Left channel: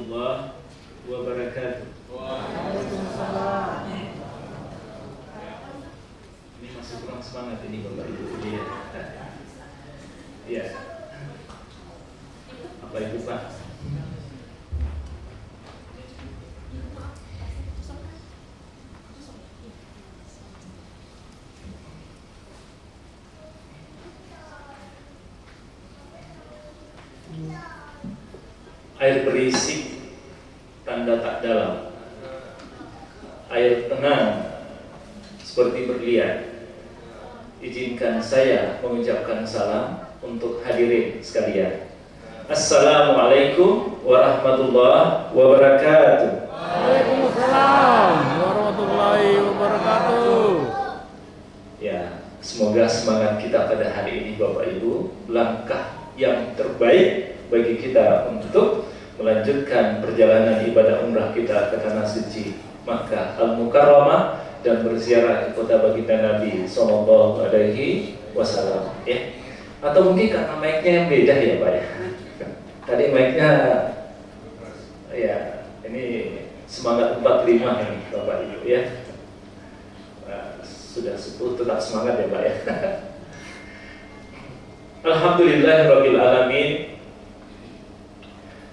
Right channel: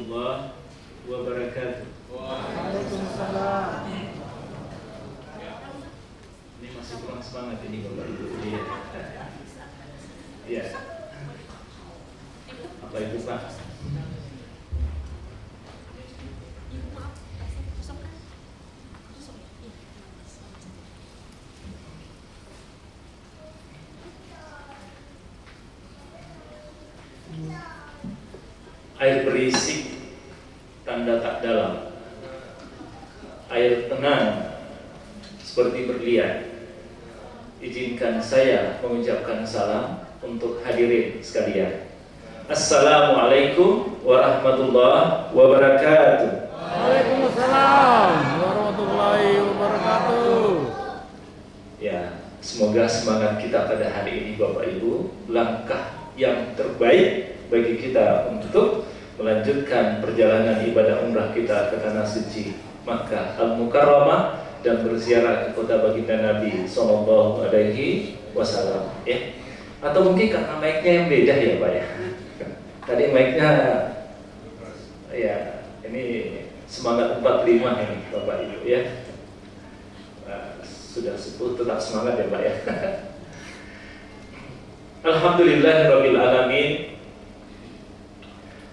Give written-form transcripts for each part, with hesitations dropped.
warahmatullahi wabarakatuh. Waalaikumsalam. Ini masih kurang semangat ini Bapak Ibu. Iya. Apa itu Pak? Air berisik tanda tak dalam, air tenang seperti berlian. Izinkan saya mengucapkan salam untuk hadirin sekalian. Assalamualaikum warahmatullahi wabarakatuh. Waalaikumsalam warahmatullahi wabarakatuh. Ya, semoga semangat kita pada hari ini Bapak Ibu, langkah yang terbaik bagi kita untuk melanjutkan perjalanan ibadah umrah kita ke tanah suci Makkah Al-Mukarramah dan berziarah ke kota baginda Nabi Sallallahu Alaihi Wasallam. Ya, atau mungkin karena mic-nya yang beda ya Pak ya. Tadi mic-nya ya ini semangat 45 ini Bapak Ibu ya. Sudah sepuh tetap semangat ya Pak ya. Alhamdulillahirabbil alamin.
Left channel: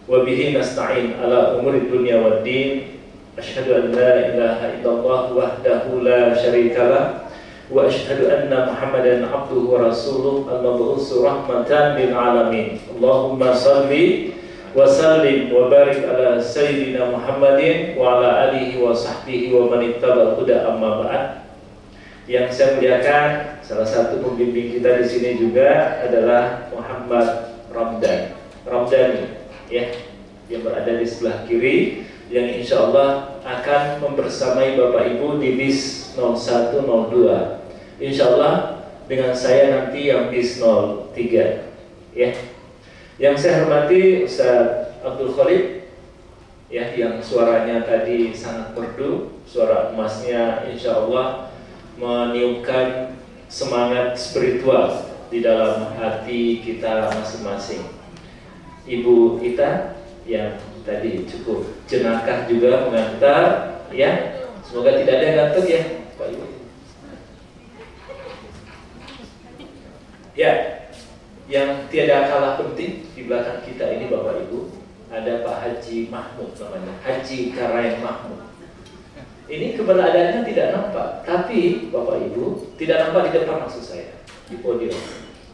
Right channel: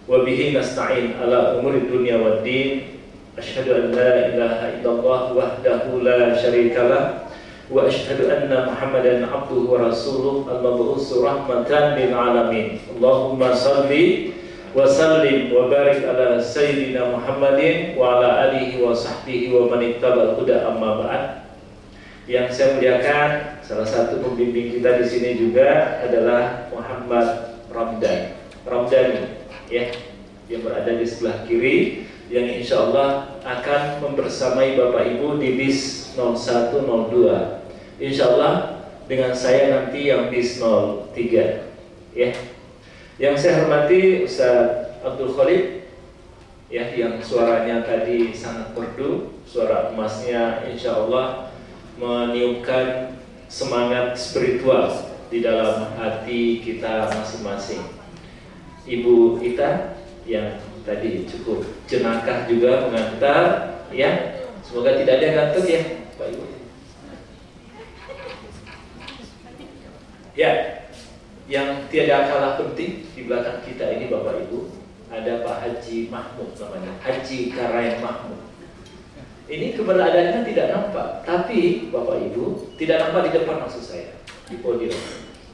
Wa bihi nasta'in ala umuri dunya waddin. Asyhadu an la ilaha illallah wahdahu la syarikalah wa asyhadu anna Muhammadan abduhu wa rasuluh al-mab'utsu rahmatan lil alamin. Allahumma shalli wa sallim wa barik ala sayyidina Muhammadin wa ala alihi wa sahbihi wa man ittaba'al huda amma ba'd. Yang saya muliakan, salah satu pembimbing kita di sini juga adalah Muhammad Ramdhani ya, yang berada di sebelah kiri, yang insya Allah akan membersamai Bapak Ibu di bis 0102. Insya Allah dengan saya nanti yang bis 03 ya. Yang saya hormati Ustaz Abdul Khalid ya, yang suaranya tadi sangat merdu, suara emasnya insya Allah meniupkan semangat spiritual di dalam hati kita masing-masing. Ibu Ita yang tadi cukup jenakah juga mengantar ya, semoga tidak ada yang ngantuk ya Pak Ibu ya. Yang tiada kalah penting di belakang kita ini Bapak Ibu, ada Pak Haji Mahmud namanya, Haji Karaeng Mahmud. Ini keberadaannya tidak nampak, tapi Bapak Ibu tidak nampak di depan maksud saya, di podium.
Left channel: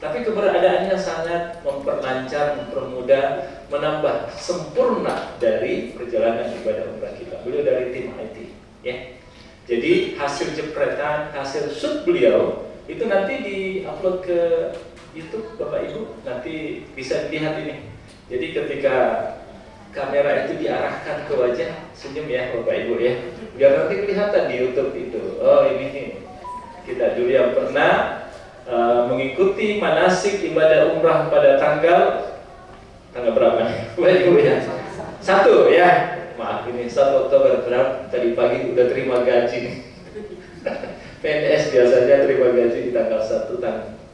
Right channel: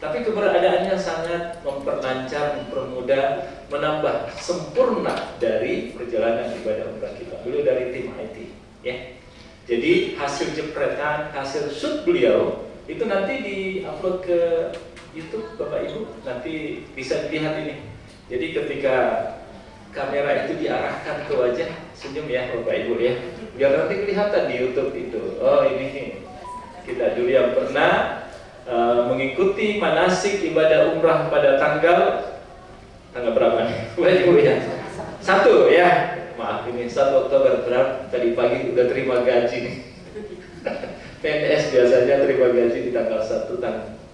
Tapi keberadaannya sangat memperlancar, mempermudah, menambah sempurna dari perjalanan ibadah umrah kita. Beliau dari tim IT, ya. Jadi hasil jepretan, hasil shoot beliau itu nanti di-upload ke YouTube Bapak Ibu, nanti bisa dilihat ini. Jadi ketika kamera itu diarahkan ke wajah, senyum ya Bapak Ibu ya, biar nanti kelihatan di YouTube itu. Oh ini kita dulu yang pernah mengikuti manasik ibadah umrah pada tanggal berapa nih? Bapak Ibu ya, 1 ya, maaf ini 1 Oktober, berapa tadi pagi udah terima gaji nih. PNS biasanya terima gaji di tanggal 1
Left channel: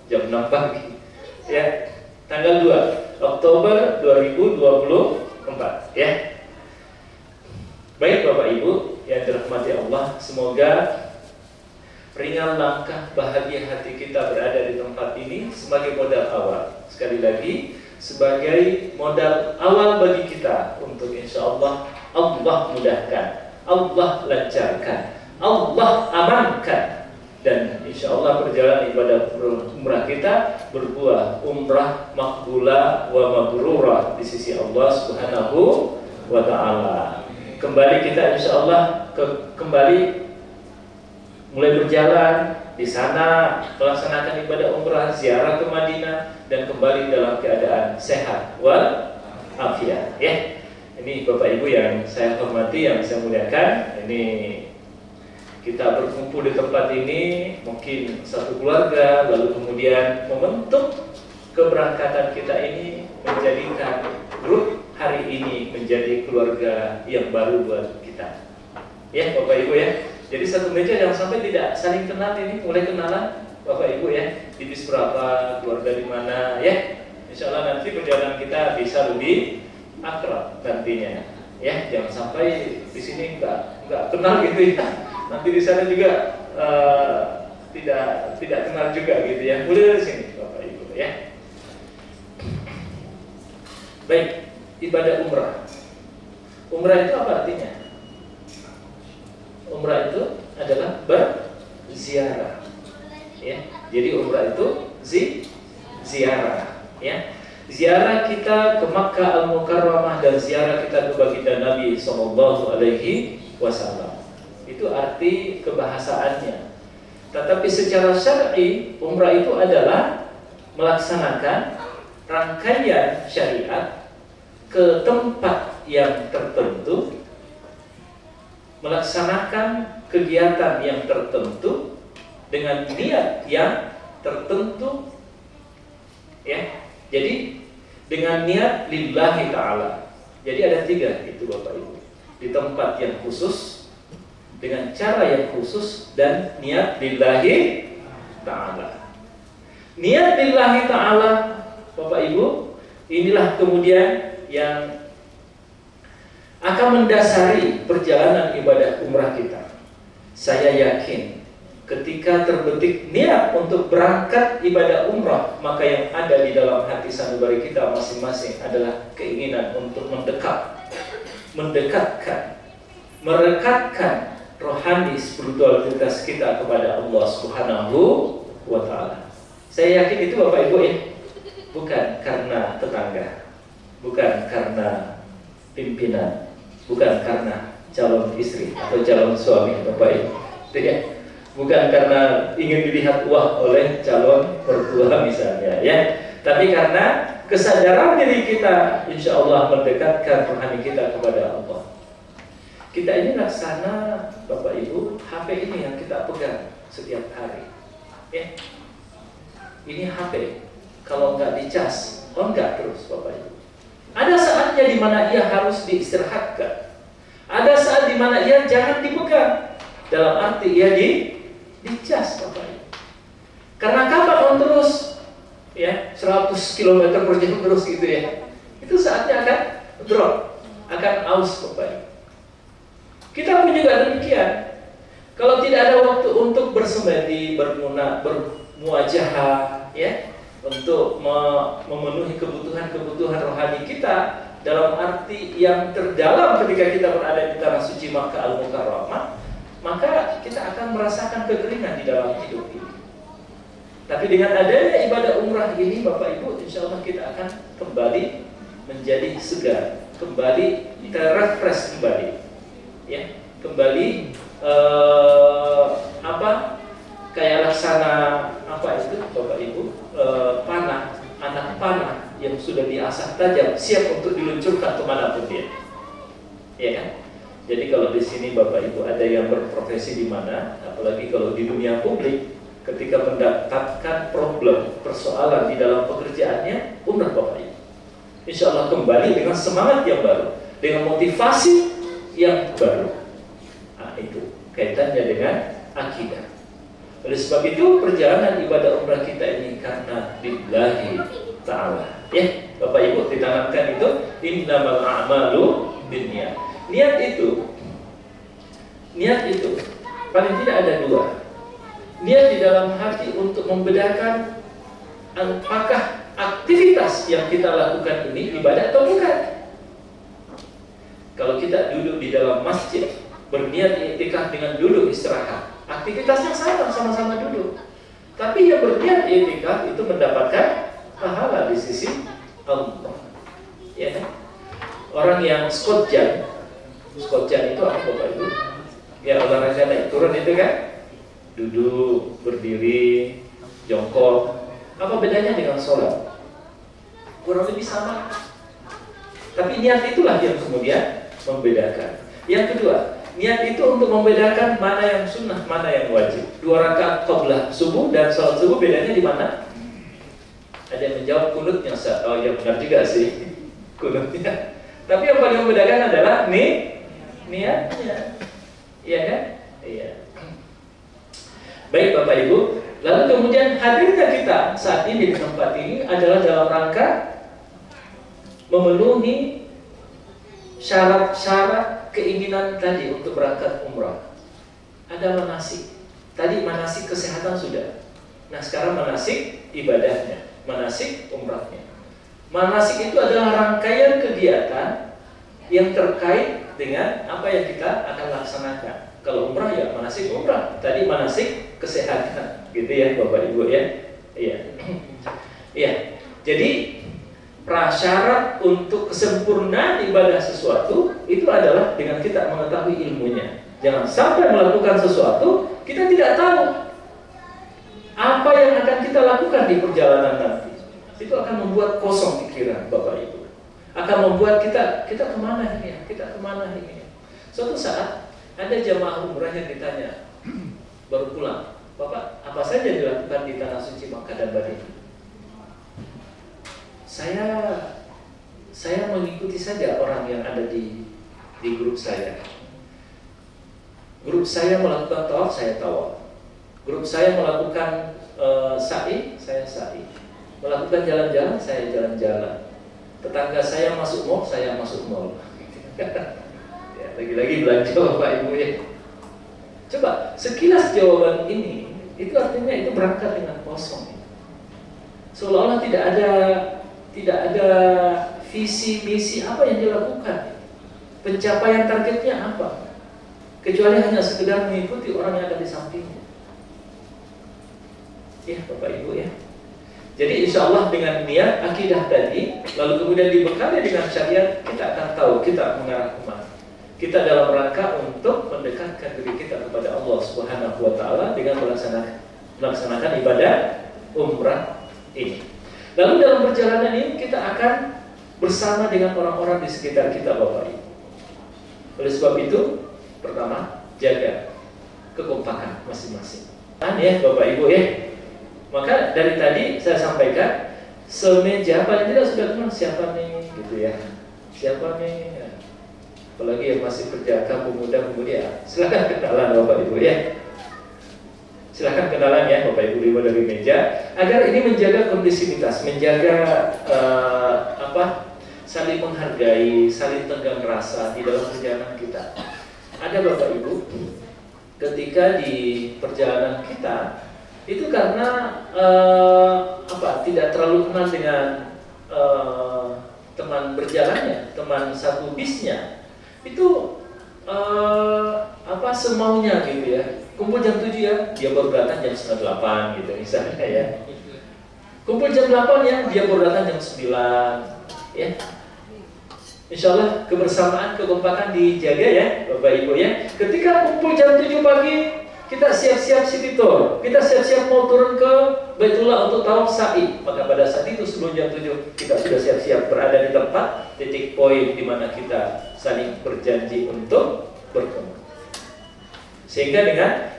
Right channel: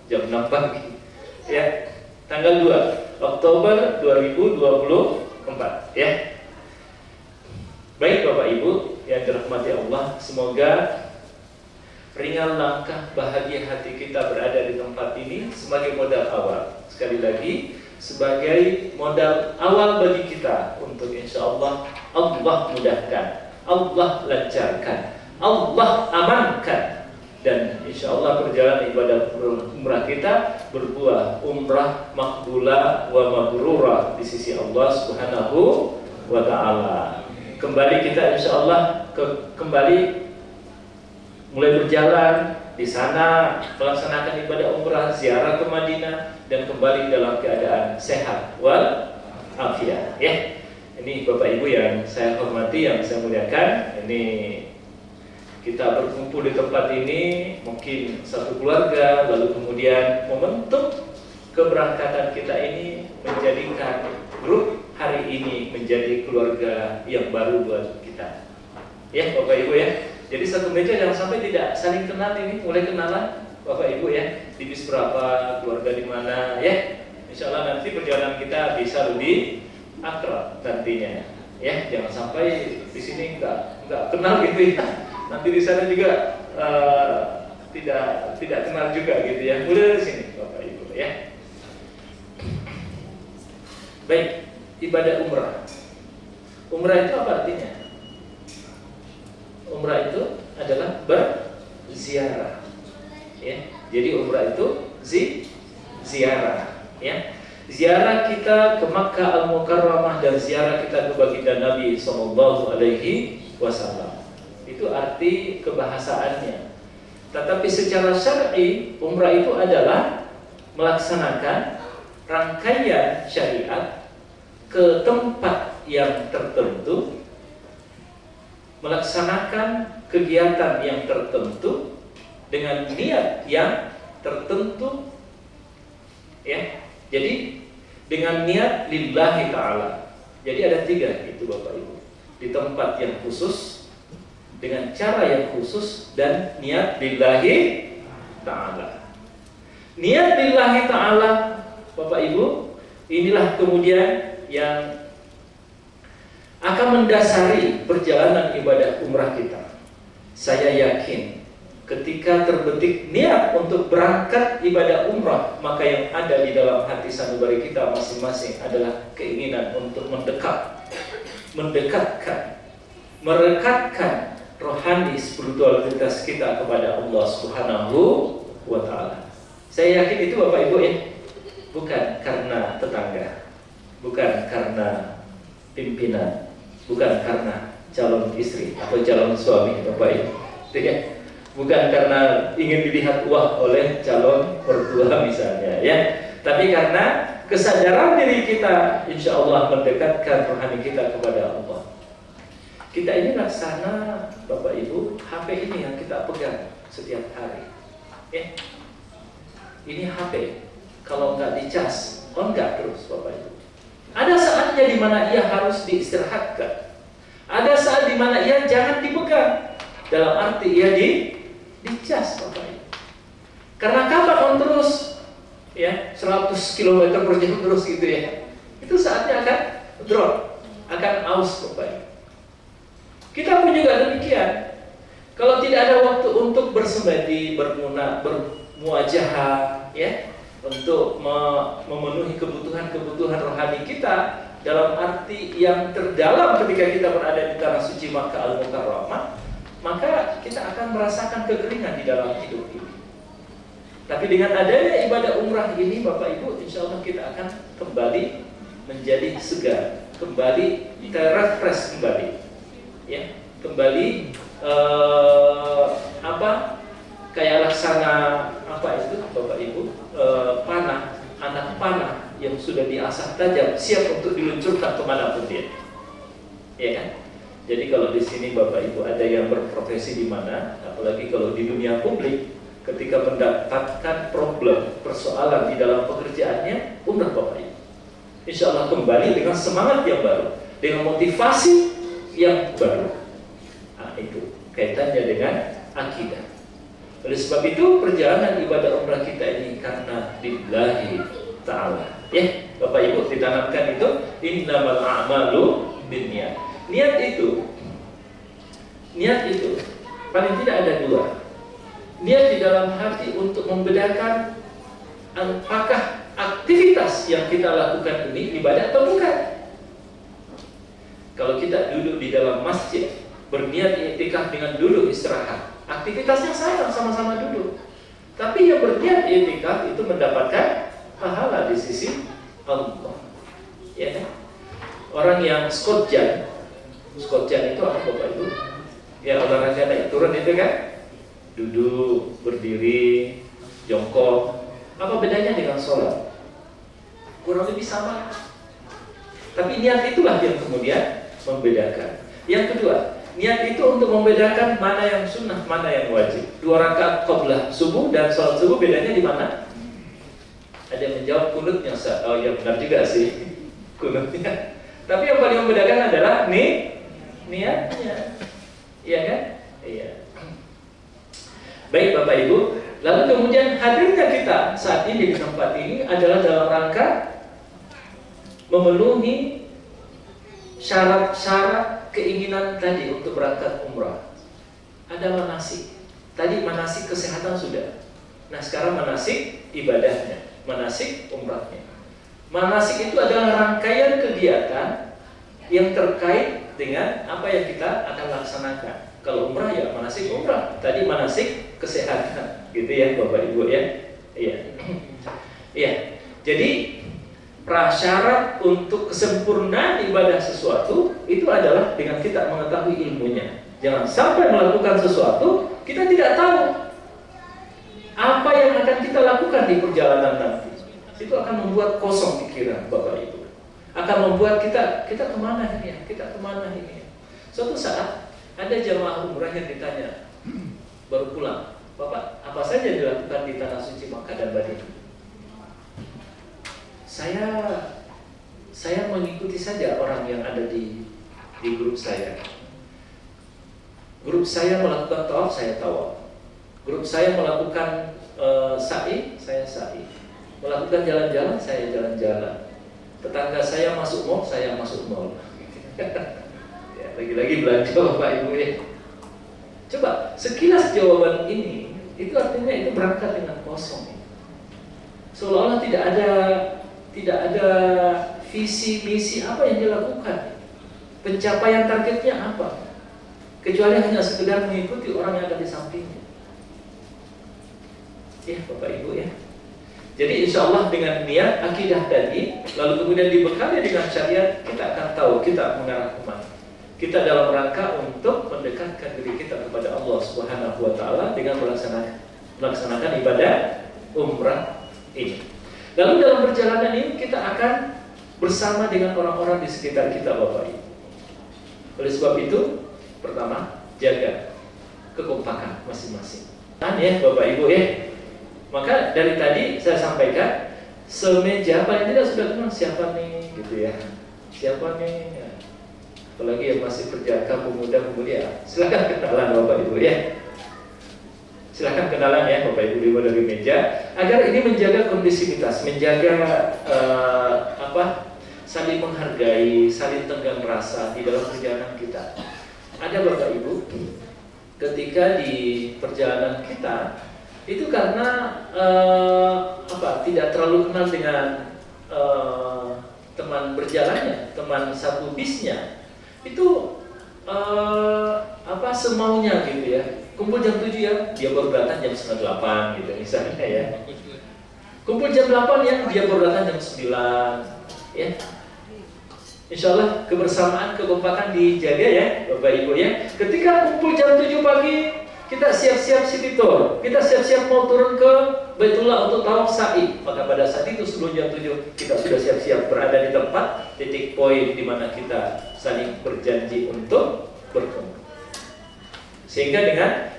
jam 6 pagi ya, tanggal 2 Oktober 2024 ya. Baik Bapak Ibu yang dirahmati Allah, semoga ringan langkah, bahagia hati kita berada di tempat ini sebagai modal awal. Sekali lagi, sebagai modal awal bagi kita untuk insya Allah mudahkan, Allah lancarkan, Allah amankan, dan insya Allah perjalanan ibadah umrah kita berbuah umrah makbulah wa mabrurah di sisi Allah Subhanahu wa Ta'ala. Kembali kita insya Allah kembali mulai berjalan di sana, melaksanakan ibadah umrah, ziarah ke Madinah, dan kembali dalam keadaan sehat wal afiat ya. Ini Bapak Ibu yang saya hormati, yang saya muliakan, ini kita berkumpul di tempat ini mungkin satu keluarga, lalu kemudian membentuk keberangkatan kita ini menjadikan grup hari ini menjadi keluarga yang baru buat kita ya Bapak Ibu ya. Jadi satu meja jangan sampai tidak saling kenal, ini mulai kenalan Bapak Ibu ya, di bis berapa, keluarga di mana ya. Insya Allah nanti perjalanan kita bisa lebih akrab nantinya Ya, jangan sampai di sini nggak kenal gitu ya. Nanti di sana juga tidak kenal juga gitu ya. Mulai dari sini Bapak Ibu ya. Baik, ibadah umrah. Umrah itu apa artinya? Umrah itu adalah berziarah. Ya, jadi umrah itu ziarah. Ya, ziarah kita ke Makkah Al-Mukarramah dan ziarah kita ke baginda Nabi Sallallahu Alaihi Wasallam. Itu arti kebahasaannya. Tetapi secara syar'i, umrah itu adalah melaksanakan rangkaian syariat ke tempat yang tertentu, melaksanakan kegiatan yang tertentu dengan niat yang tertentu, ya. Jadi dengan niat lillahi ta'ala. Jadi ada 3 itu Bapak Ibu. Di tempat yang khusus, dengan cara yang khusus, dan niat lillahi ta'ala. Niat lillahi ta'ala Bapak Ibu, inilah kemudian yang akan mendasari perjalanan ibadah umrah kita. Saya yakin ketika terbetik niat untuk berangkat ibadah umrah, maka yang ada di dalam hati sanubari kita masing-masing adalah keinginan untuk mendekatkan, merekatkan rohani spiritualitas kita kepada Allah Subhanahu wa Ta'ala. Saya yakin itu Bapak Ibu ya, bukan karena tetangga, bukan karena pimpinan, bukan karena calon istri atau calon suami Bapak Ibu, tidak. Bukan karena ingin dilihat wah oleh calon mertua misalnya ya, tapi karena kesadaran diri kita insya Allah mendekatkan rohani kita kepada Allah. Kita ini laksana Bapak Ibu, HP ini yang kita pegang setiap hari ya. Ini HP, kalau nggak dicas, enggak terus Bapak Ibu. Ada saatnya di mana ia harus diistirahatkan, ada saat di mana ia jangan dipegang, dalam arti ia dicas Bapak Ibu. Karena kapan on terus ya 100 km per jam terus gitu ya, itu saatnya akan drop, akan aus Bapak Ibu. Kita pun juga demikian. Kalau tidak ada waktu untuk bersemedi, bermuajahah ya, untuk memenuhi kebutuhan rohani kita dalam arti yang terdalam ketika kita berada di tanah suci Makkah Al-Mukarramah, maka kita akan merasakan kekeringan di dalam hidup ini. Tapi dengan adanya ibadah umrah ini Bapak Ibu, insya Allah kita akan kembali menjadi segar, kembali terrefresh kembali, ya, kembali kayak laksana itu Bapak Ibu, anak panah yang sudah diasah tajam, siap untuk diluncurkan kemanapun dia, ya kan? Jadi kalau di sini Bapak Ibu ada yang berprofesi di mana, apalagi kalau di dunia publik, ketika mendapatkan persoalan di dalam pekerjaannya, umrah Bapak Ibu, insya Allah kembali dengan semangat yang baru, dengan motivasi yang baru. Nah, itu kaitannya dengan akidah. Oleh sebab itu perjalanan ibadah umrah kita ini karena lillahi ta'ala. Ya, Bapak Ibu ditanamkan itu innamal a'malu binniyat. Niat itu paling tidak ada 2. Niat di dalam hati untuk membedakan apakah aktivitas yang kita lakukan ini ibadah atau bukan. Kalau kita duduk di dalam masjid berniat i'tikaf dengan duduk istirahat, aktivitasnya sama-sama duduk. Tapi yang berniat i'tikaf itu mendapatkan pahala di sisi Allah. Ya kan? Orang yang squat jump itu apa Bapak Ibu? Ya olahraga naik turun itu kan, duduk, berdiri, jongkok. Apa bedanya dengan sholat? Kurang lebih sama. Tapi niat itulah yang kemudian membedakan. Yang kedua, niat itu untuk membedakan mana yang sunnah, mana yang wajib. 2 rakaat qablah subuh dan sholat subuh bedanya di mana? Ada yang menjawab kunutnya. Oh ya benar juga sih, kunutnya. Tapi yang paling membedakan adalah niatnya, iya kan? Iya. Baik Bapak Ibu, lalu kemudian hadirnya kita saat ini di tempat ini adalah dalam rangka memenuhi syarat-syarat keinginan tadi untuk berangkat umrah. Ada manasik. Tadi manasik kesehatan sudah. Nah sekarang manasik ibadahnya, manasik umrahnya. Manasik itu adalah rangkaian kegiatan yang terkait dengan apa yang kita akan laksanakan. Kalau umrah ya manasik umrah, tadi manasik kesehatan, gitu ya Bapak Ibu ya. Iya. Iya. Jadi prasyarat untuk kesempurnaan ibadah sesuatu itu adalah dengan kita mengetahui ilmunya. Jangan sampai melakukan sesuatu kita tidak tahu apa yang akan kita lakukan di perjalanan nanti. Itu akan membuat kosong pikiran Bapak Ibu. Akan membuat kita kemana ini ya? Kita kemana ini ya? Suatu saat ada jamaah umrah yang ditanya baru pulang, Bapak apa saja dilakukan di tanah suci Makkah dan Madinah? Saya mengikuti saja orang yang ada di grup saya. Grup saya melakukan tawaf, saya tawaf. Grup saya melakukan sa'i, saya sa'i. Melakukan jalan-jalan, saya jalan-jalan. Tetangga saya masuk mall, saya masuk mall. Ya, lagi-lagi belanja Bapak Ibu ya. Coba sekilas jawaban ini, itu artinya itu berangkat dengan kosong. Seolah-olah tidak ada visi misi apa yang dilakukan. Pencapaian targetnya apa? Kecuali hanya sekedar mengikuti orang yang ada di sampingnya. Ya Bapak Ibu ya. Jadi insya Allah dengan niat akidah tadi, lalu kemudian dibekali dengan syariat, kita akan tahu kita mengarah kemana. Kita dalam rangka untuk mendekatkan diri kita kepada Allah Subhanahu Wa Taala dengan melaksanakan ibadah umrah ini. Lalu dalam perjalanan ini kita akan bersama dengan orang-orang di sekitar kita Bapak Ibu. Oleh sebab itu, pertama jaga kekompakan masing-masing. Ya Bapak Ibu ya. Maka dari tadi saya sampaikan semeja paling tidak sudah kenal siapa nih gitu ya. Siapa nih? Ya. Apalagi yang masih berjaga pemuda-pemudi ya. Silakan kenalan Bapak Ibu ya. Silakan kenalan ya Bapak Ibu dari meja agar ini menjaga kondisivitas, menjaga saling menghargai, saling tenggang rasa di dalam perjalanan kita. Ada Bapak Ibu ketika di perjalanan kita itu karena tidak terlalu kenal dengan teman berjalannya, teman satu bisnya, itu semaunya gitu ya. Kumpul jam 7 ya, dia baru datang jam 7:30 gitu misalnya ya. Kumpul jam 8 ya, dia baru datang jam 9 ya. Insya Allah kebersamaan, kekompakan dijaga ya Bapak Ibu ya. Ketika kumpul jam 7 pagi, kita siap-siap city tour, kita siap-siap mau turun ke Baitullah untuk tawaf sa'i. Maka pada saat itu sebelum jam 7 kita sudah siap-siap berada di tempat titik poin di mana kita saling berjanji untuk bertemu. Sehingga dengan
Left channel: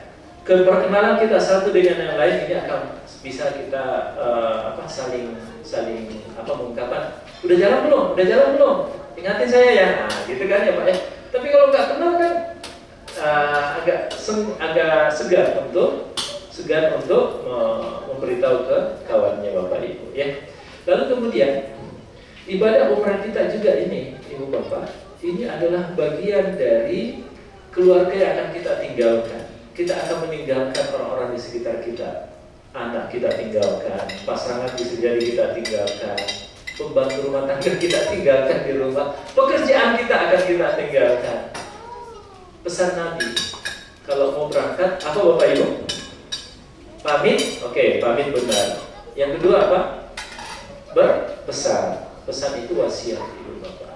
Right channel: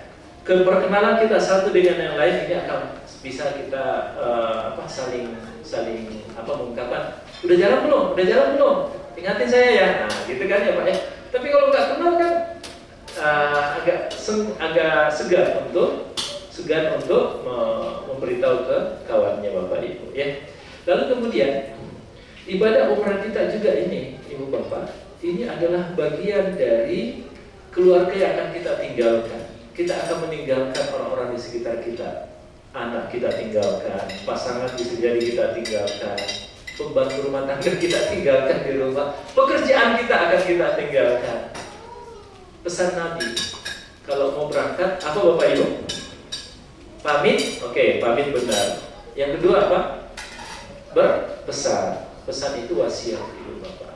keperkenalan kita satu dengan yang lain ini akan bisa kita saling mengungkapkan, udah jalan belum? Udah jalan belum? Ingatin saya ya. Nah, gitu kan ya Pak ya. Tapi kalau nggak kenal kan agak segan untuk memberitahu ke kawannya Bapak Ibu ya. Lalu kemudian ibadah umrah kita juga ini Ibu Bapak, ini adalah bagian dari keluarga yang akan kita tinggalkan. Kita akan meninggalkan orang-orang di sekitar kita. Anak kita tinggalkan, pasangan bisa jadi kita tinggalkan, pembantu rumah tangga kita tinggalkan di rumah, pekerjaan kita akan kita tinggalkan. Pesan Nabi, kalau mau berangkat, apa Bapak Ibu? Pamit? Oke, pamit benar. Yang kedua apa? Berpesan. Pesan itu wasiat Ibu Bapak.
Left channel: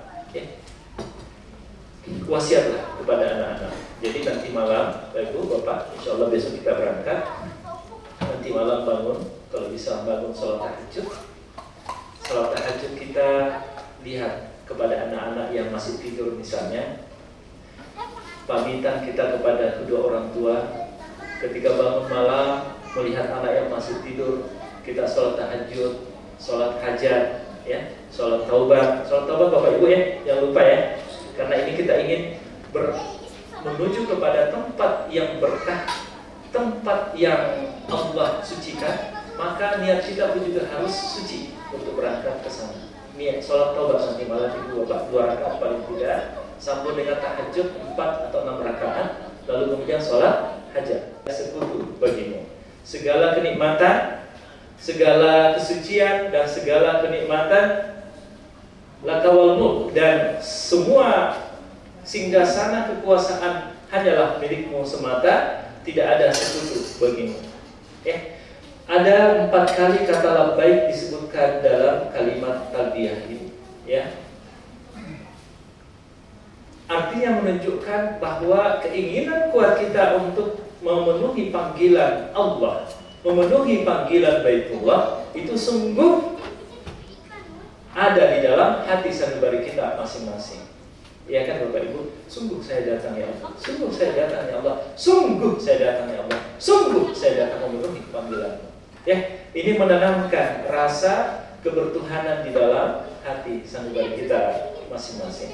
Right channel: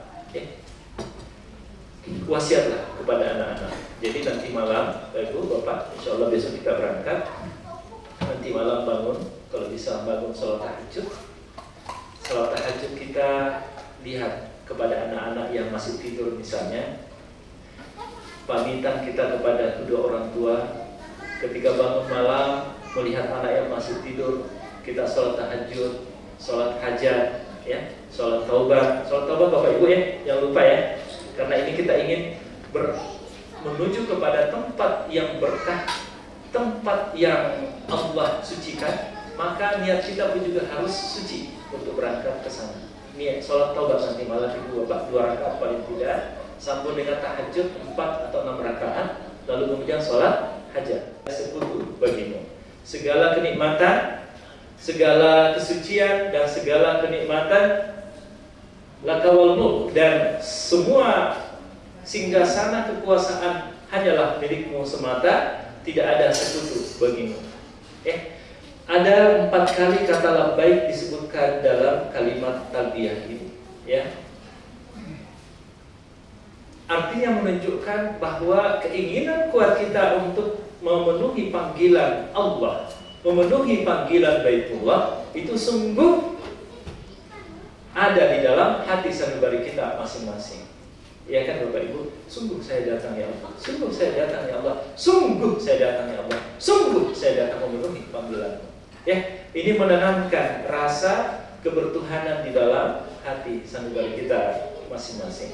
Wasiatlah kepada anak-anak. Jadi nanti malam, Ibu Bapak, insya Allah besok kita berangkat. Nanti malam bangun, kalau bisa bangun sholat tahajud. Sholat tahajud kita lihat kepada anak-anak yang masih tidur misalnya. Pamitan kita kepada kedua orang tua. Ketika bangun malam melihat anak yang masih tidur, kita sholat tahajud, sholat hajat, ya, sholat taubat. Sholat taubat Bapak Ibu ya, jangan lupa ya. Karena ini kita ingin menuju kepada tempat yang berkah, tempat yang Allah sucikan, maka niat kita pun juga harus suci untuk berangkat ke sana. niat sholat taubat nanti malam ibu bapak 2 rakaat paling tidak, sambung dengan tahajud 4 atau 6 rakaat, lalu kemudian sholat hajat. Sekutu bagimu. Segala kenikmatan, segala kesucian dan segala kenikmatan laka wal mulk, dan semua singgasana kekuasaan hanyalah milikmu semata, tidak ada sekutu bagimu. Ada 4 kali kata labbaik disebutkan dalam kalimat talbiyah ini, ya. Artinya menunjukkan bahwa keinginan kuat kita untuk memenuhi panggilan Allah, memenuhi panggilan Baitullah itu sungguh ada di dalam hati sanubari kita masing-masing. Ya kan Bapak Ibu, sungguh saya datang ya Allah, sungguh saya datang ya Allah, sungguh saya datang ya Allah, sungguh saya datang memenuhi panggilan. Ya, ini menanamkan rasa kebertuhanan di dalam hati sanubari kita masing-masing.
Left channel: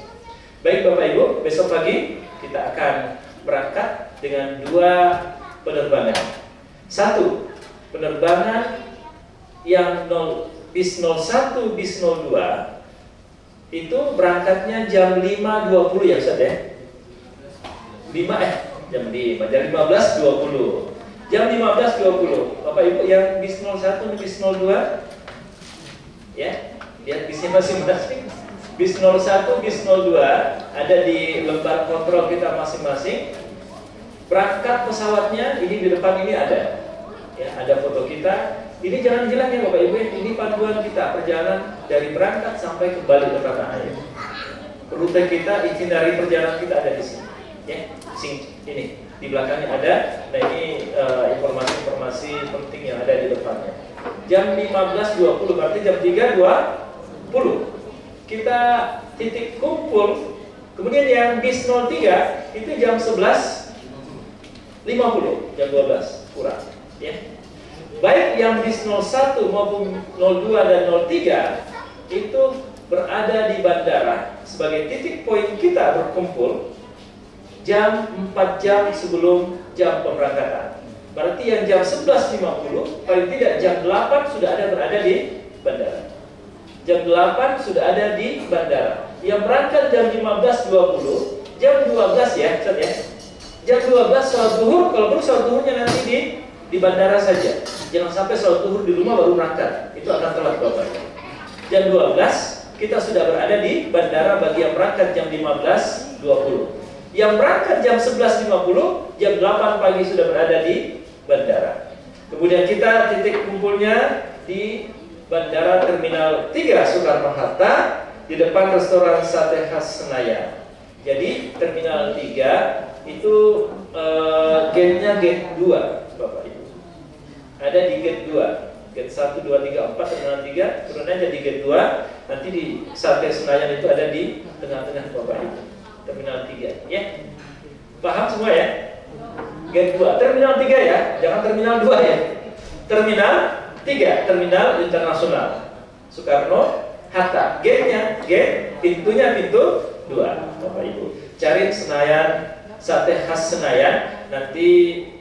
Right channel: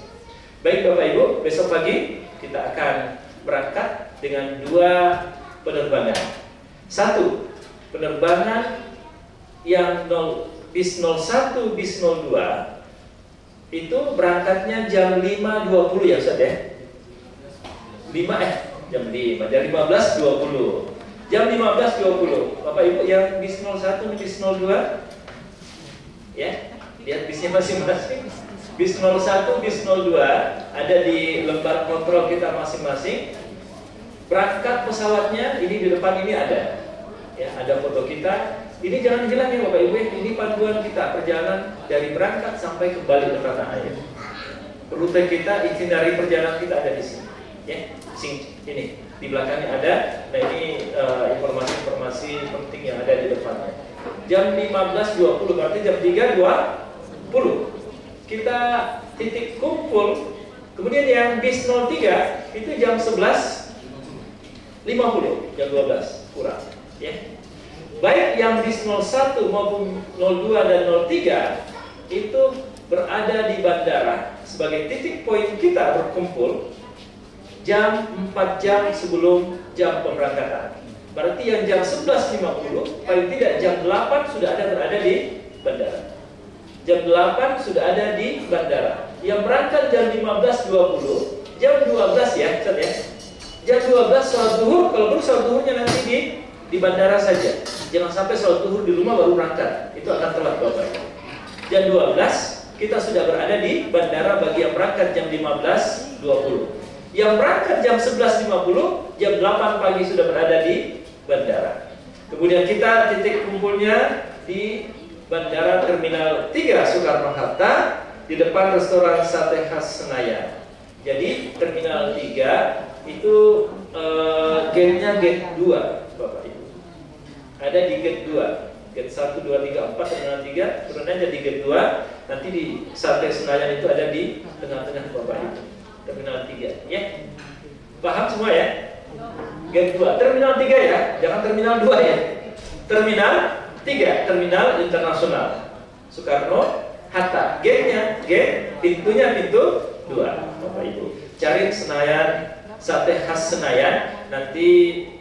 Baik Bapak Ibu, besok pagi kita akan berangkat dengan 2 penerbangan. 1 penerbangan yang bis 01, bis 02 itu berangkatnya jam 5.20 ya Ustaz ya? Jam 15.20. Jam 15.20. Bapak Ibu yang bis 01, bis 02 ya, lihat bisnya masing-masing. Bis 01, bis 02 ada di lembar kontrol kita masing-masing. Berangkat pesawatnya ini di depan ini ada. Ya, ada foto kita. Ini jangan hilang ya Bapak Ibu, ini panduan kita perjalanan dari berangkat sampai kembali ke tanah air. Rute kita, itinerary perjalanan kita ada di sini. Ya, ini di belakangnya ada. Nah ini informasi-informasi penting yang ada di depannya. Jam 15.20 berarti jam 3.20 kita titik kumpul. Kemudian yang bis 03 itu jam 11.50, jam 12 kurang. Ya. Baik yang bis 01 maupun 02 dan 03 itu berada di bandara sebagai titik poin kita berkumpul jam 4 jam sebelum jam pemberangkatan. Berarti yang jam 11.50 paling tidak jam 8 sudah ada berada di bandara. Jam 8 sudah ada di bandara. Yang berangkat jam 15.20, jam 12 ya, Ustaz ya. Jam 12 sholat zuhur, kalau perlu sholat zuhurnya nanti di bandara saja. Jangan sampai sholat zuhur di rumah baru berangkat. Itu akan telat Bapak. Jam 12 kita sudah berada di bandara bagi yang berangkat jam 15.20. Yang berangkat jam 11.50, jam 8 pagi sudah berada di bandara. Kemudian kita titik kumpulnya di Bandara Terminal 3 Soekarno-Hatta di depan restoran sate khas Senayan. Jadi Terminal 3 itu gate-nya gate 2 Bapak Ibu. Ada di gate 2. Gate 1, 2, 3, 4, Terminal 3 turun aja di gate 2. Nanti di sate Senayan itu ada di tengah-tengah Bapak Ibu. Terminal 3 ya. Paham semua ya? Gate 2, Terminal 3 ya. Jangan Terminal 2 ya. Terminal 3, Terminal Internasional Soekarno-Hatta. Gate-nya, pintunya pintu 2 Bapak Ibu. Cari Senayan, sate khas Senayan. Nanti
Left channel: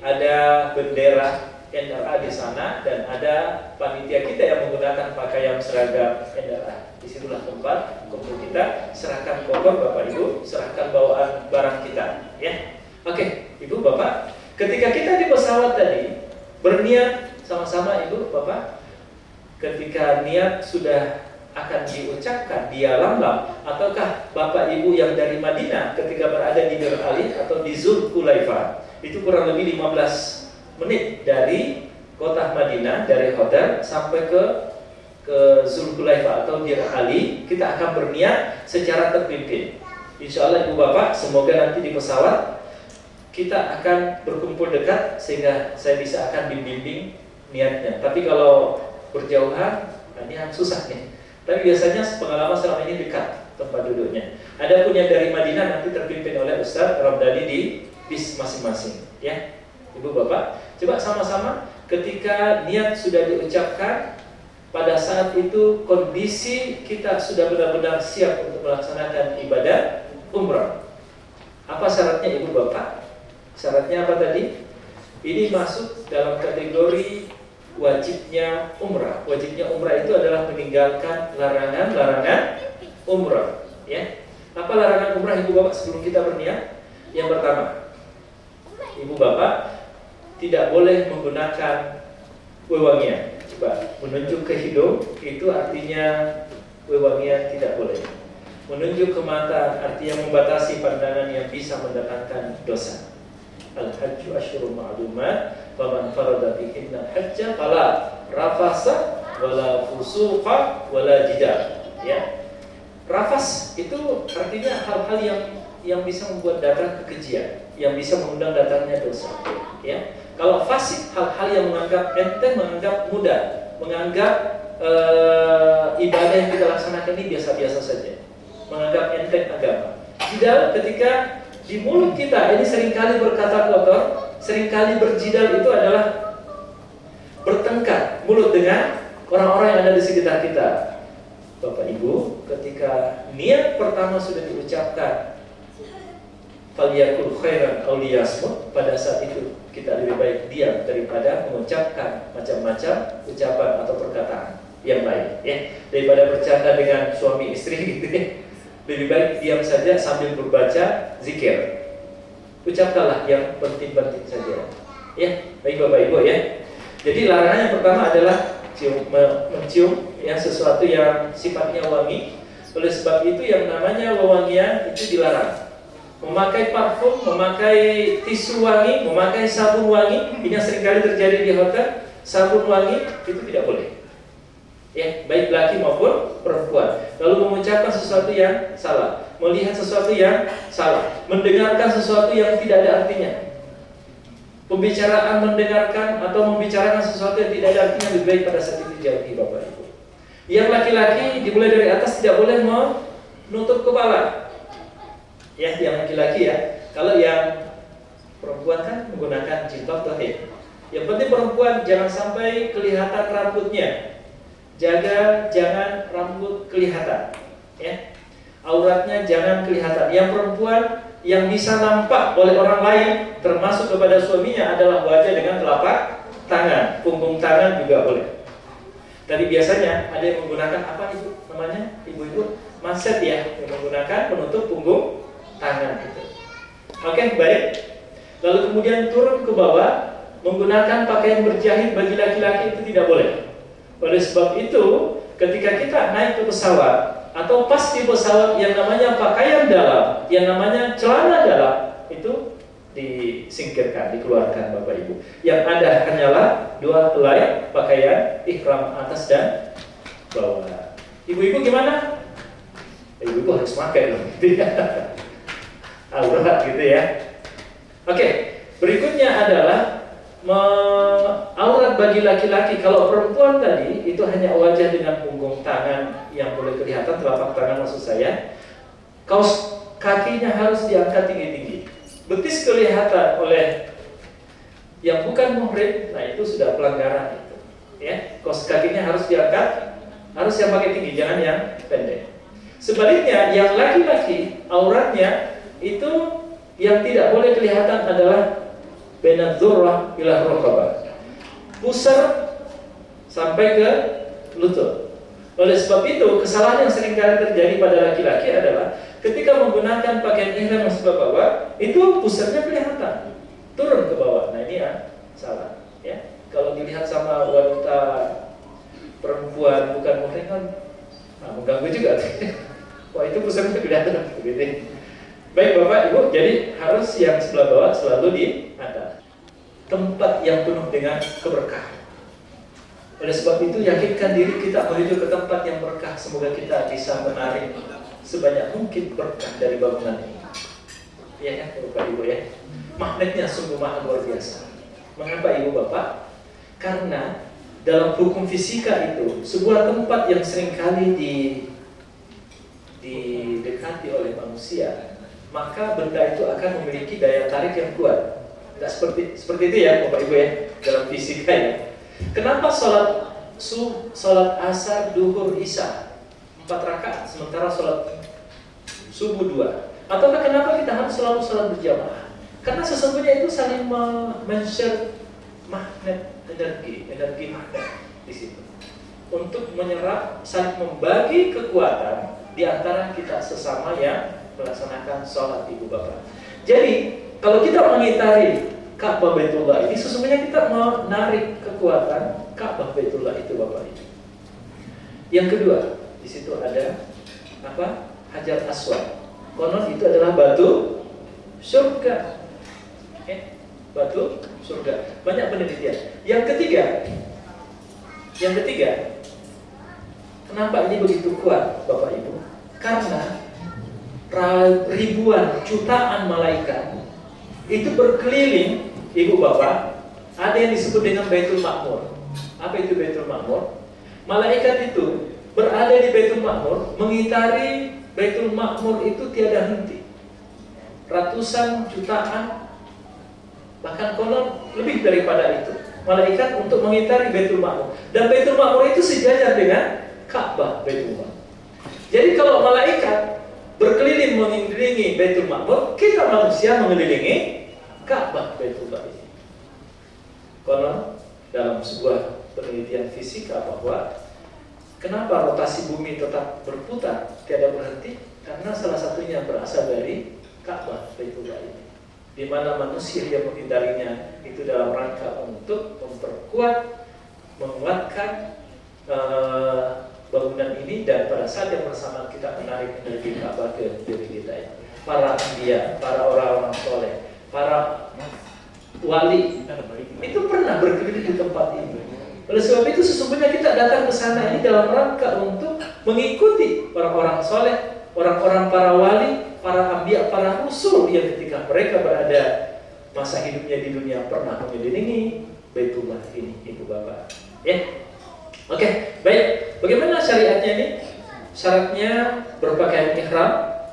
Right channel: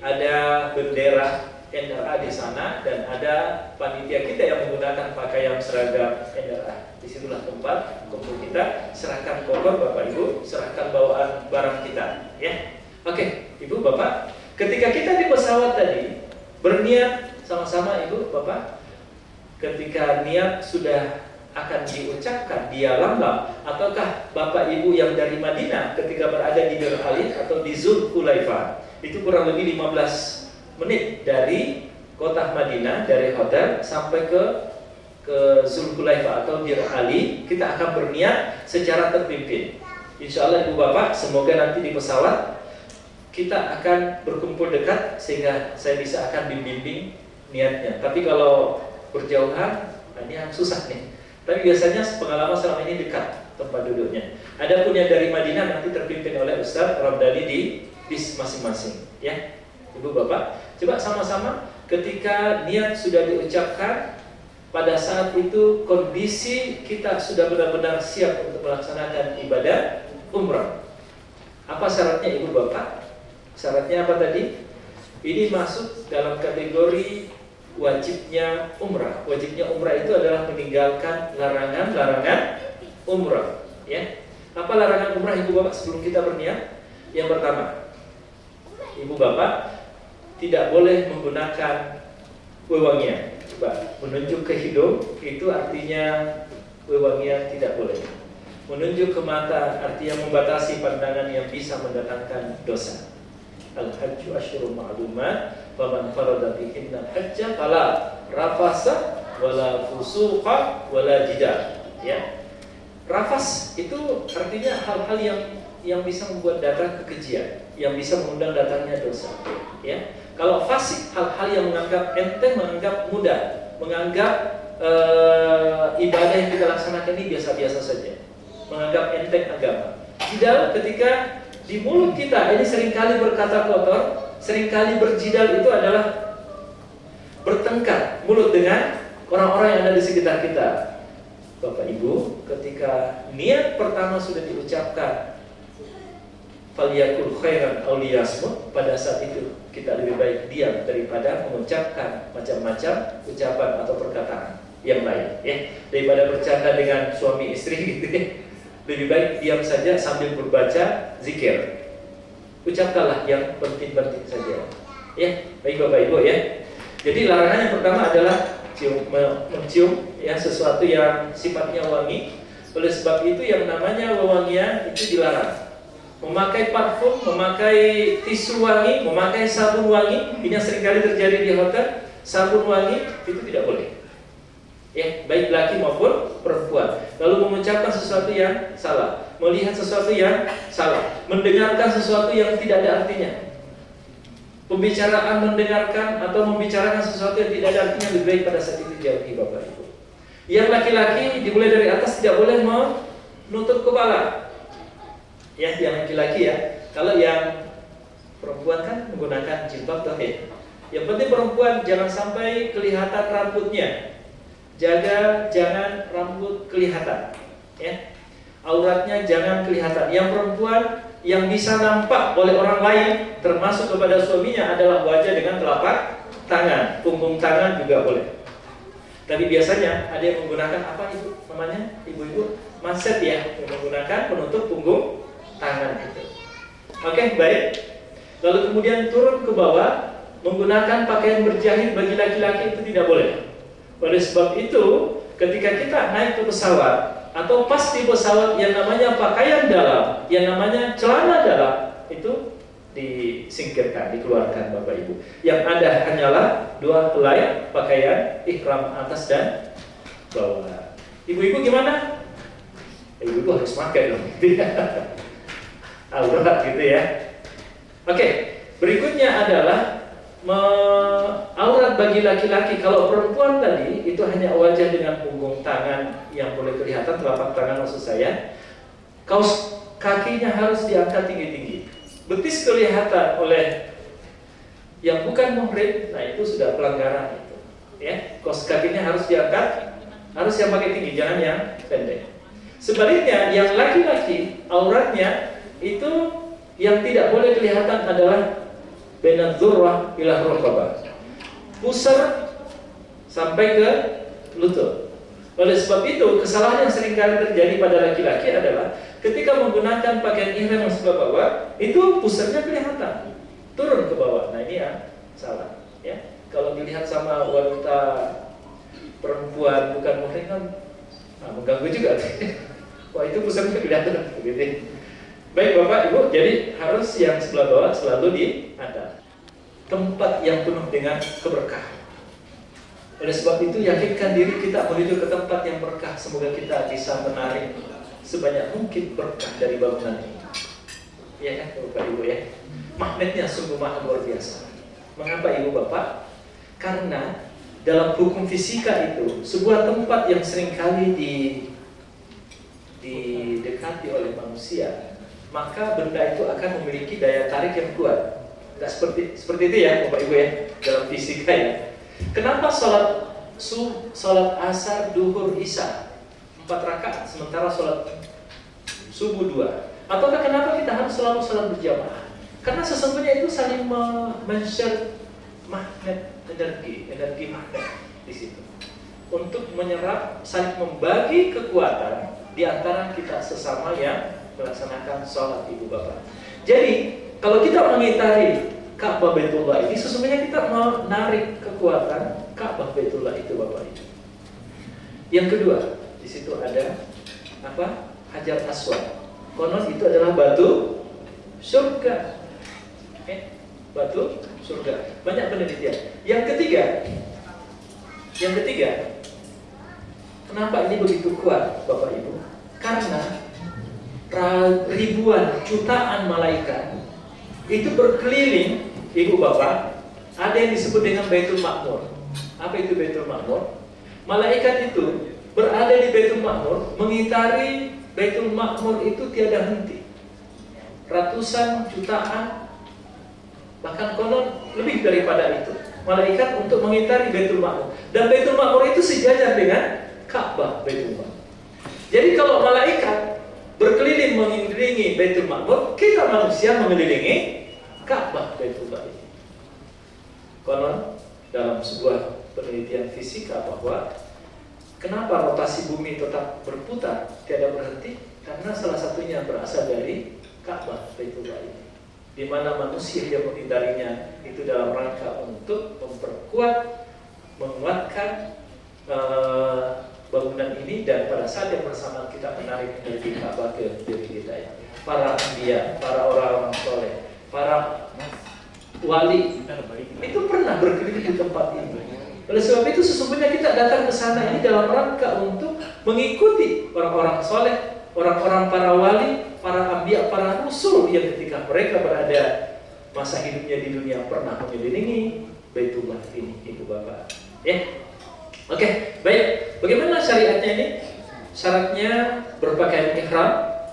ada bendera NRA di sana dan ada panitia kita yang menggunakan pakaian seragam NRA. Disitulah tempat kumpul kita. Serahkan koper Bapak Ibu, serahkan bawaan barang kita ya. Oke, Ibu Bapak, ketika kita di pesawat tadi berniat sama-sama Ibu Bapak, ketika niat sudah akan diucapkan di Yalamlam, ataukah Bapak Ibu yang dari Madinah ketika berada di Bir Ali atau di Zulhulaifah, itu kurang lebih 15 menit dari kota Madinah, dari hotel sampai ke Zulhulaifah atau Bir Ali, kita akan berniat secara terpimpin. Insya Allah Ibu Bapak, semoga nanti di pesawat kita akan berkumpul dekat sehingga saya bisa akan bimbing niatnya. Tapi kalau berjauhan, ini yang susah nih. Tapi biasanya pengalaman selama ini dekat tempat duduknya. Adapun yang dari Madinah nanti terpimpin oleh Ustaz Ramdhani di bis masing-masing. Ya, Ibu Bapak, coba sama-sama ketika niat sudah diucapkan, pada saat itu kondisi kita sudah benar-benar siap untuk melaksanakan ibadah umrah. Apa syaratnya Ibu Bapak? Syaratnya apa tadi? Ini masuk dalam kategori wajibnya umrah. Wajibnya umrah itu adalah meninggalkan larangan-larangan umrah. Ya, apa larangan umrah ibu bapak sebelum kita berniat? Yang pertama, ibu bapak tidak boleh menggunakan wewangian. Coba menunjuk ke hidung itu artinya wewangian tidak boleh. Menunjuk ke mata artinya membatasi pandangan yang bisa mendatangkan dosa. Al-hajju asyurun ma'lumat, faman farada fihinna hajja fala rafasa wala fusuqa wala jidal. Ya. Rafas itu artinya hal-hal yang bisa membuat datang kekejian, yang bisa mengundang datangnya dosa. Ya. Kalau fasik, hal-hal yang menganggap enteng, menganggap mudah, menganggap ibadah yang kita laksanakan ini biasa-biasa saja, menganggap enteng agama. Jidal ketika di mulut kita ini seringkali berkata kotor, seringkali berjidal itu adalah bertengkar mulut dengan orang-orang yang ada di sekitar kita. Bapak Ibu, ketika niat pertama sudah diucapkan, faliyakul khairan aw liyasmut, pada saat itu kita lebih baik diam daripada mengucapkan macam-macam ucapan atau perkataan yang lain, ya. Daripada bercanda dengan suami istri gitu ya. Lebih baik diam saja sambil berbaca zikir. Ucapkanlah yang penting-penting saja. Ya, baik Bapak Ibu ya. Jadi larangan yang pertama adalah mencium ya sesuatu yang sifatnya wangi. Oleh sebab itu yang namanya wewangian itu dilarang. Memakai parfum, memakai tisu wangi, memakai sabun wangi, ini yang seringkali terjadi di hotel. Sabun wangi itu tidak boleh. Ya, baik laki maupun perempuan. Lalu mengucapkan sesuatu yang salah, melihat sesuatu yang salah, mendengarkan sesuatu yang tidak ada artinya. Pembicaraan mendengarkan atau membicarakan sesuatu yang tidak ada artinya lebih baik pada saat itu jauhi Bapak Ibu. Yang laki-laki dimulai dari atas tidak boleh menutup kepala. Ya, yang laki-laki ya. Kalau yang perempuan kan menggunakan jilbab tuh ya. Yang penting perempuan jangan sampai kelihatan rambutnya. Jaga jangan rambut kelihatan, ya. Auratnya jangan kelihatan. Yang perempuan yang bisa nampak oleh orang lain, termasuk kepada suaminya, adalah wajah dengan telapak tangan, punggung tangan juga boleh. Tadi biasanya ada yang menggunakan apa itu namanya, ibu-ibu, manset ya, yang menggunakan penutup punggung tangan itu. Oke, baik. Lalu kemudian turun ke bawah, menggunakan pakaian berjahit bagi laki-laki itu tidak boleh. Oleh sebab itu, ketika kita naik ke pesawat atau pas di pesawat yang namanya pakaian dalam, yang namanya celana dalam, itu disingkirkan, dikeluarkan Bapak Ibu. Yang ada hanyalah dua helai pakaian ihram atas dan bawah. Ibu-ibu gimana? Ibu-ibu harus pakai dong, gitu ya. Aurat gitu ya. Oke, berikutnya adalah aurat bagi laki-laki. Kalau perempuan tadi itu hanya wajah dengan punggung tangan yang boleh kelihatan, telapak tangan maksud saya. Kaos kakinya harus diangkat tinggi-tinggi. Betis kelihatan oleh yang bukan muhrim, nah itu sudah pelanggaran itu. Ya, kaos kakinya harus diangkat, harus yang pakai tinggi, jangan yang pendek. Sebaliknya, yang laki-laki auratnya itu yang tidak boleh kelihatan adalah baina dzurrah ila raqabah, pusar sampai ke lutut. Oleh sebab itu, kesalahan yang sering kali terjadi pada laki-laki adalah ketika menggunakan pakaian ihram yang sebelah bawah, itu pusarnya kelihatan, turun ke bawah. Nah ini ya salah. Ya, kalau dilihat sama wanita perempuan bukan muhrim kan mengganggu juga. Wah itu pusarnya kelihatan begitu. Baik Bapak Ibu, jadi harus yang sebelah bawah selalu di atas. Tempat yang penuh dengan keberkahan. Oleh sebab itu yakinkan diri kita menuju ke tempat yang berkah. Semoga kita bisa menarik sebanyak mungkin berkah dari bangunan ini. Ya Bapak Ibu ya. Magnetnya sungguh maha luar biasa. Mengapa Ibu Bapak? Karena dalam hukum fisika itu sebuah tempat yang seringkali didekati oleh manusia, maka benda itu akan memiliki daya tarik yang kuat. Tidak seperti itu ya Bapak Ibu ya, dalam fisika ya. Kenapa sholat asar, duhur, isya 4 rakaat sementara sholat subuh 2? Ataukah kenapa kita harus selalu sholat berjamaah? Karena sesungguhnya itu saling men-share magnet energi magnet di situ untuk menyerap, saling membagi kekuatan di antara kita sesama yang melaksanakan sholat, Ibu Bapak. Jadi kalau kita mengitari Ka'bah Baitullah ini, sesungguhnya kita menarik kekuatan Ka'bah Baitullah itu, Bapak Ibu. Yang kedua, di situ ada apa? Hajar Aswad. Konon itu adalah batu surga. Batu surga. Banyak penelitian. Yang ketiga, kenapa ini begitu kuat, Bapak Ibu? Karena ribuan, jutaan malaikat itu berkeliling, Ibu Bapak. Ada yang disebut dengan Baitul Ma'mur. Apa itu Baitul Ma'mur? Malaikat itu berada di Baitul Ma'mur, mengitari Baitul Ma'mur itu tiada henti. Ratusan jutaan, bahkan konon lebih daripada itu, malaikat untuk mengitari Baitul Ma'mur. Dan Baitul Ma'mur itu sejajar dengan Ka'bah Baitul Ma'mur. Jadi kalau malaikat berkeliling mengelilingi Baitul Ma'mur, kita manusia mengelilingi Ka'bah Baitul Ma'mur. Konon dalam sebuah penelitian fisika bahwa kenapa rotasi bumi tetap berputar, tiada berhenti? Karena salah satunya berasal dari Ka'bah Baitullah ini, di mana manusia yang mengitarinya itu dalam rangka untuk memperkuat, menguatkan bangunan ini, dan pada saat yang bersamaan kita menarik energi Ka'bah ke diri kita ya. Para anbiya, para orang-orang soleh, para wali itu pernah berkeliling di tempat ini. Oleh sebab itu sesungguhnya kita datang ke sana ini dalam rangka untuk mengikuti orang-orang soleh, orang-orang para wali, para anbiya, para rasul yang ketika mereka berada masa hidupnya di dunia pernah mengelilingi Baitullah ini, Ibu Bapak. Ya, oke, baik. Bagaimana syariatnya ini? Syaratnya berpakaian ihram,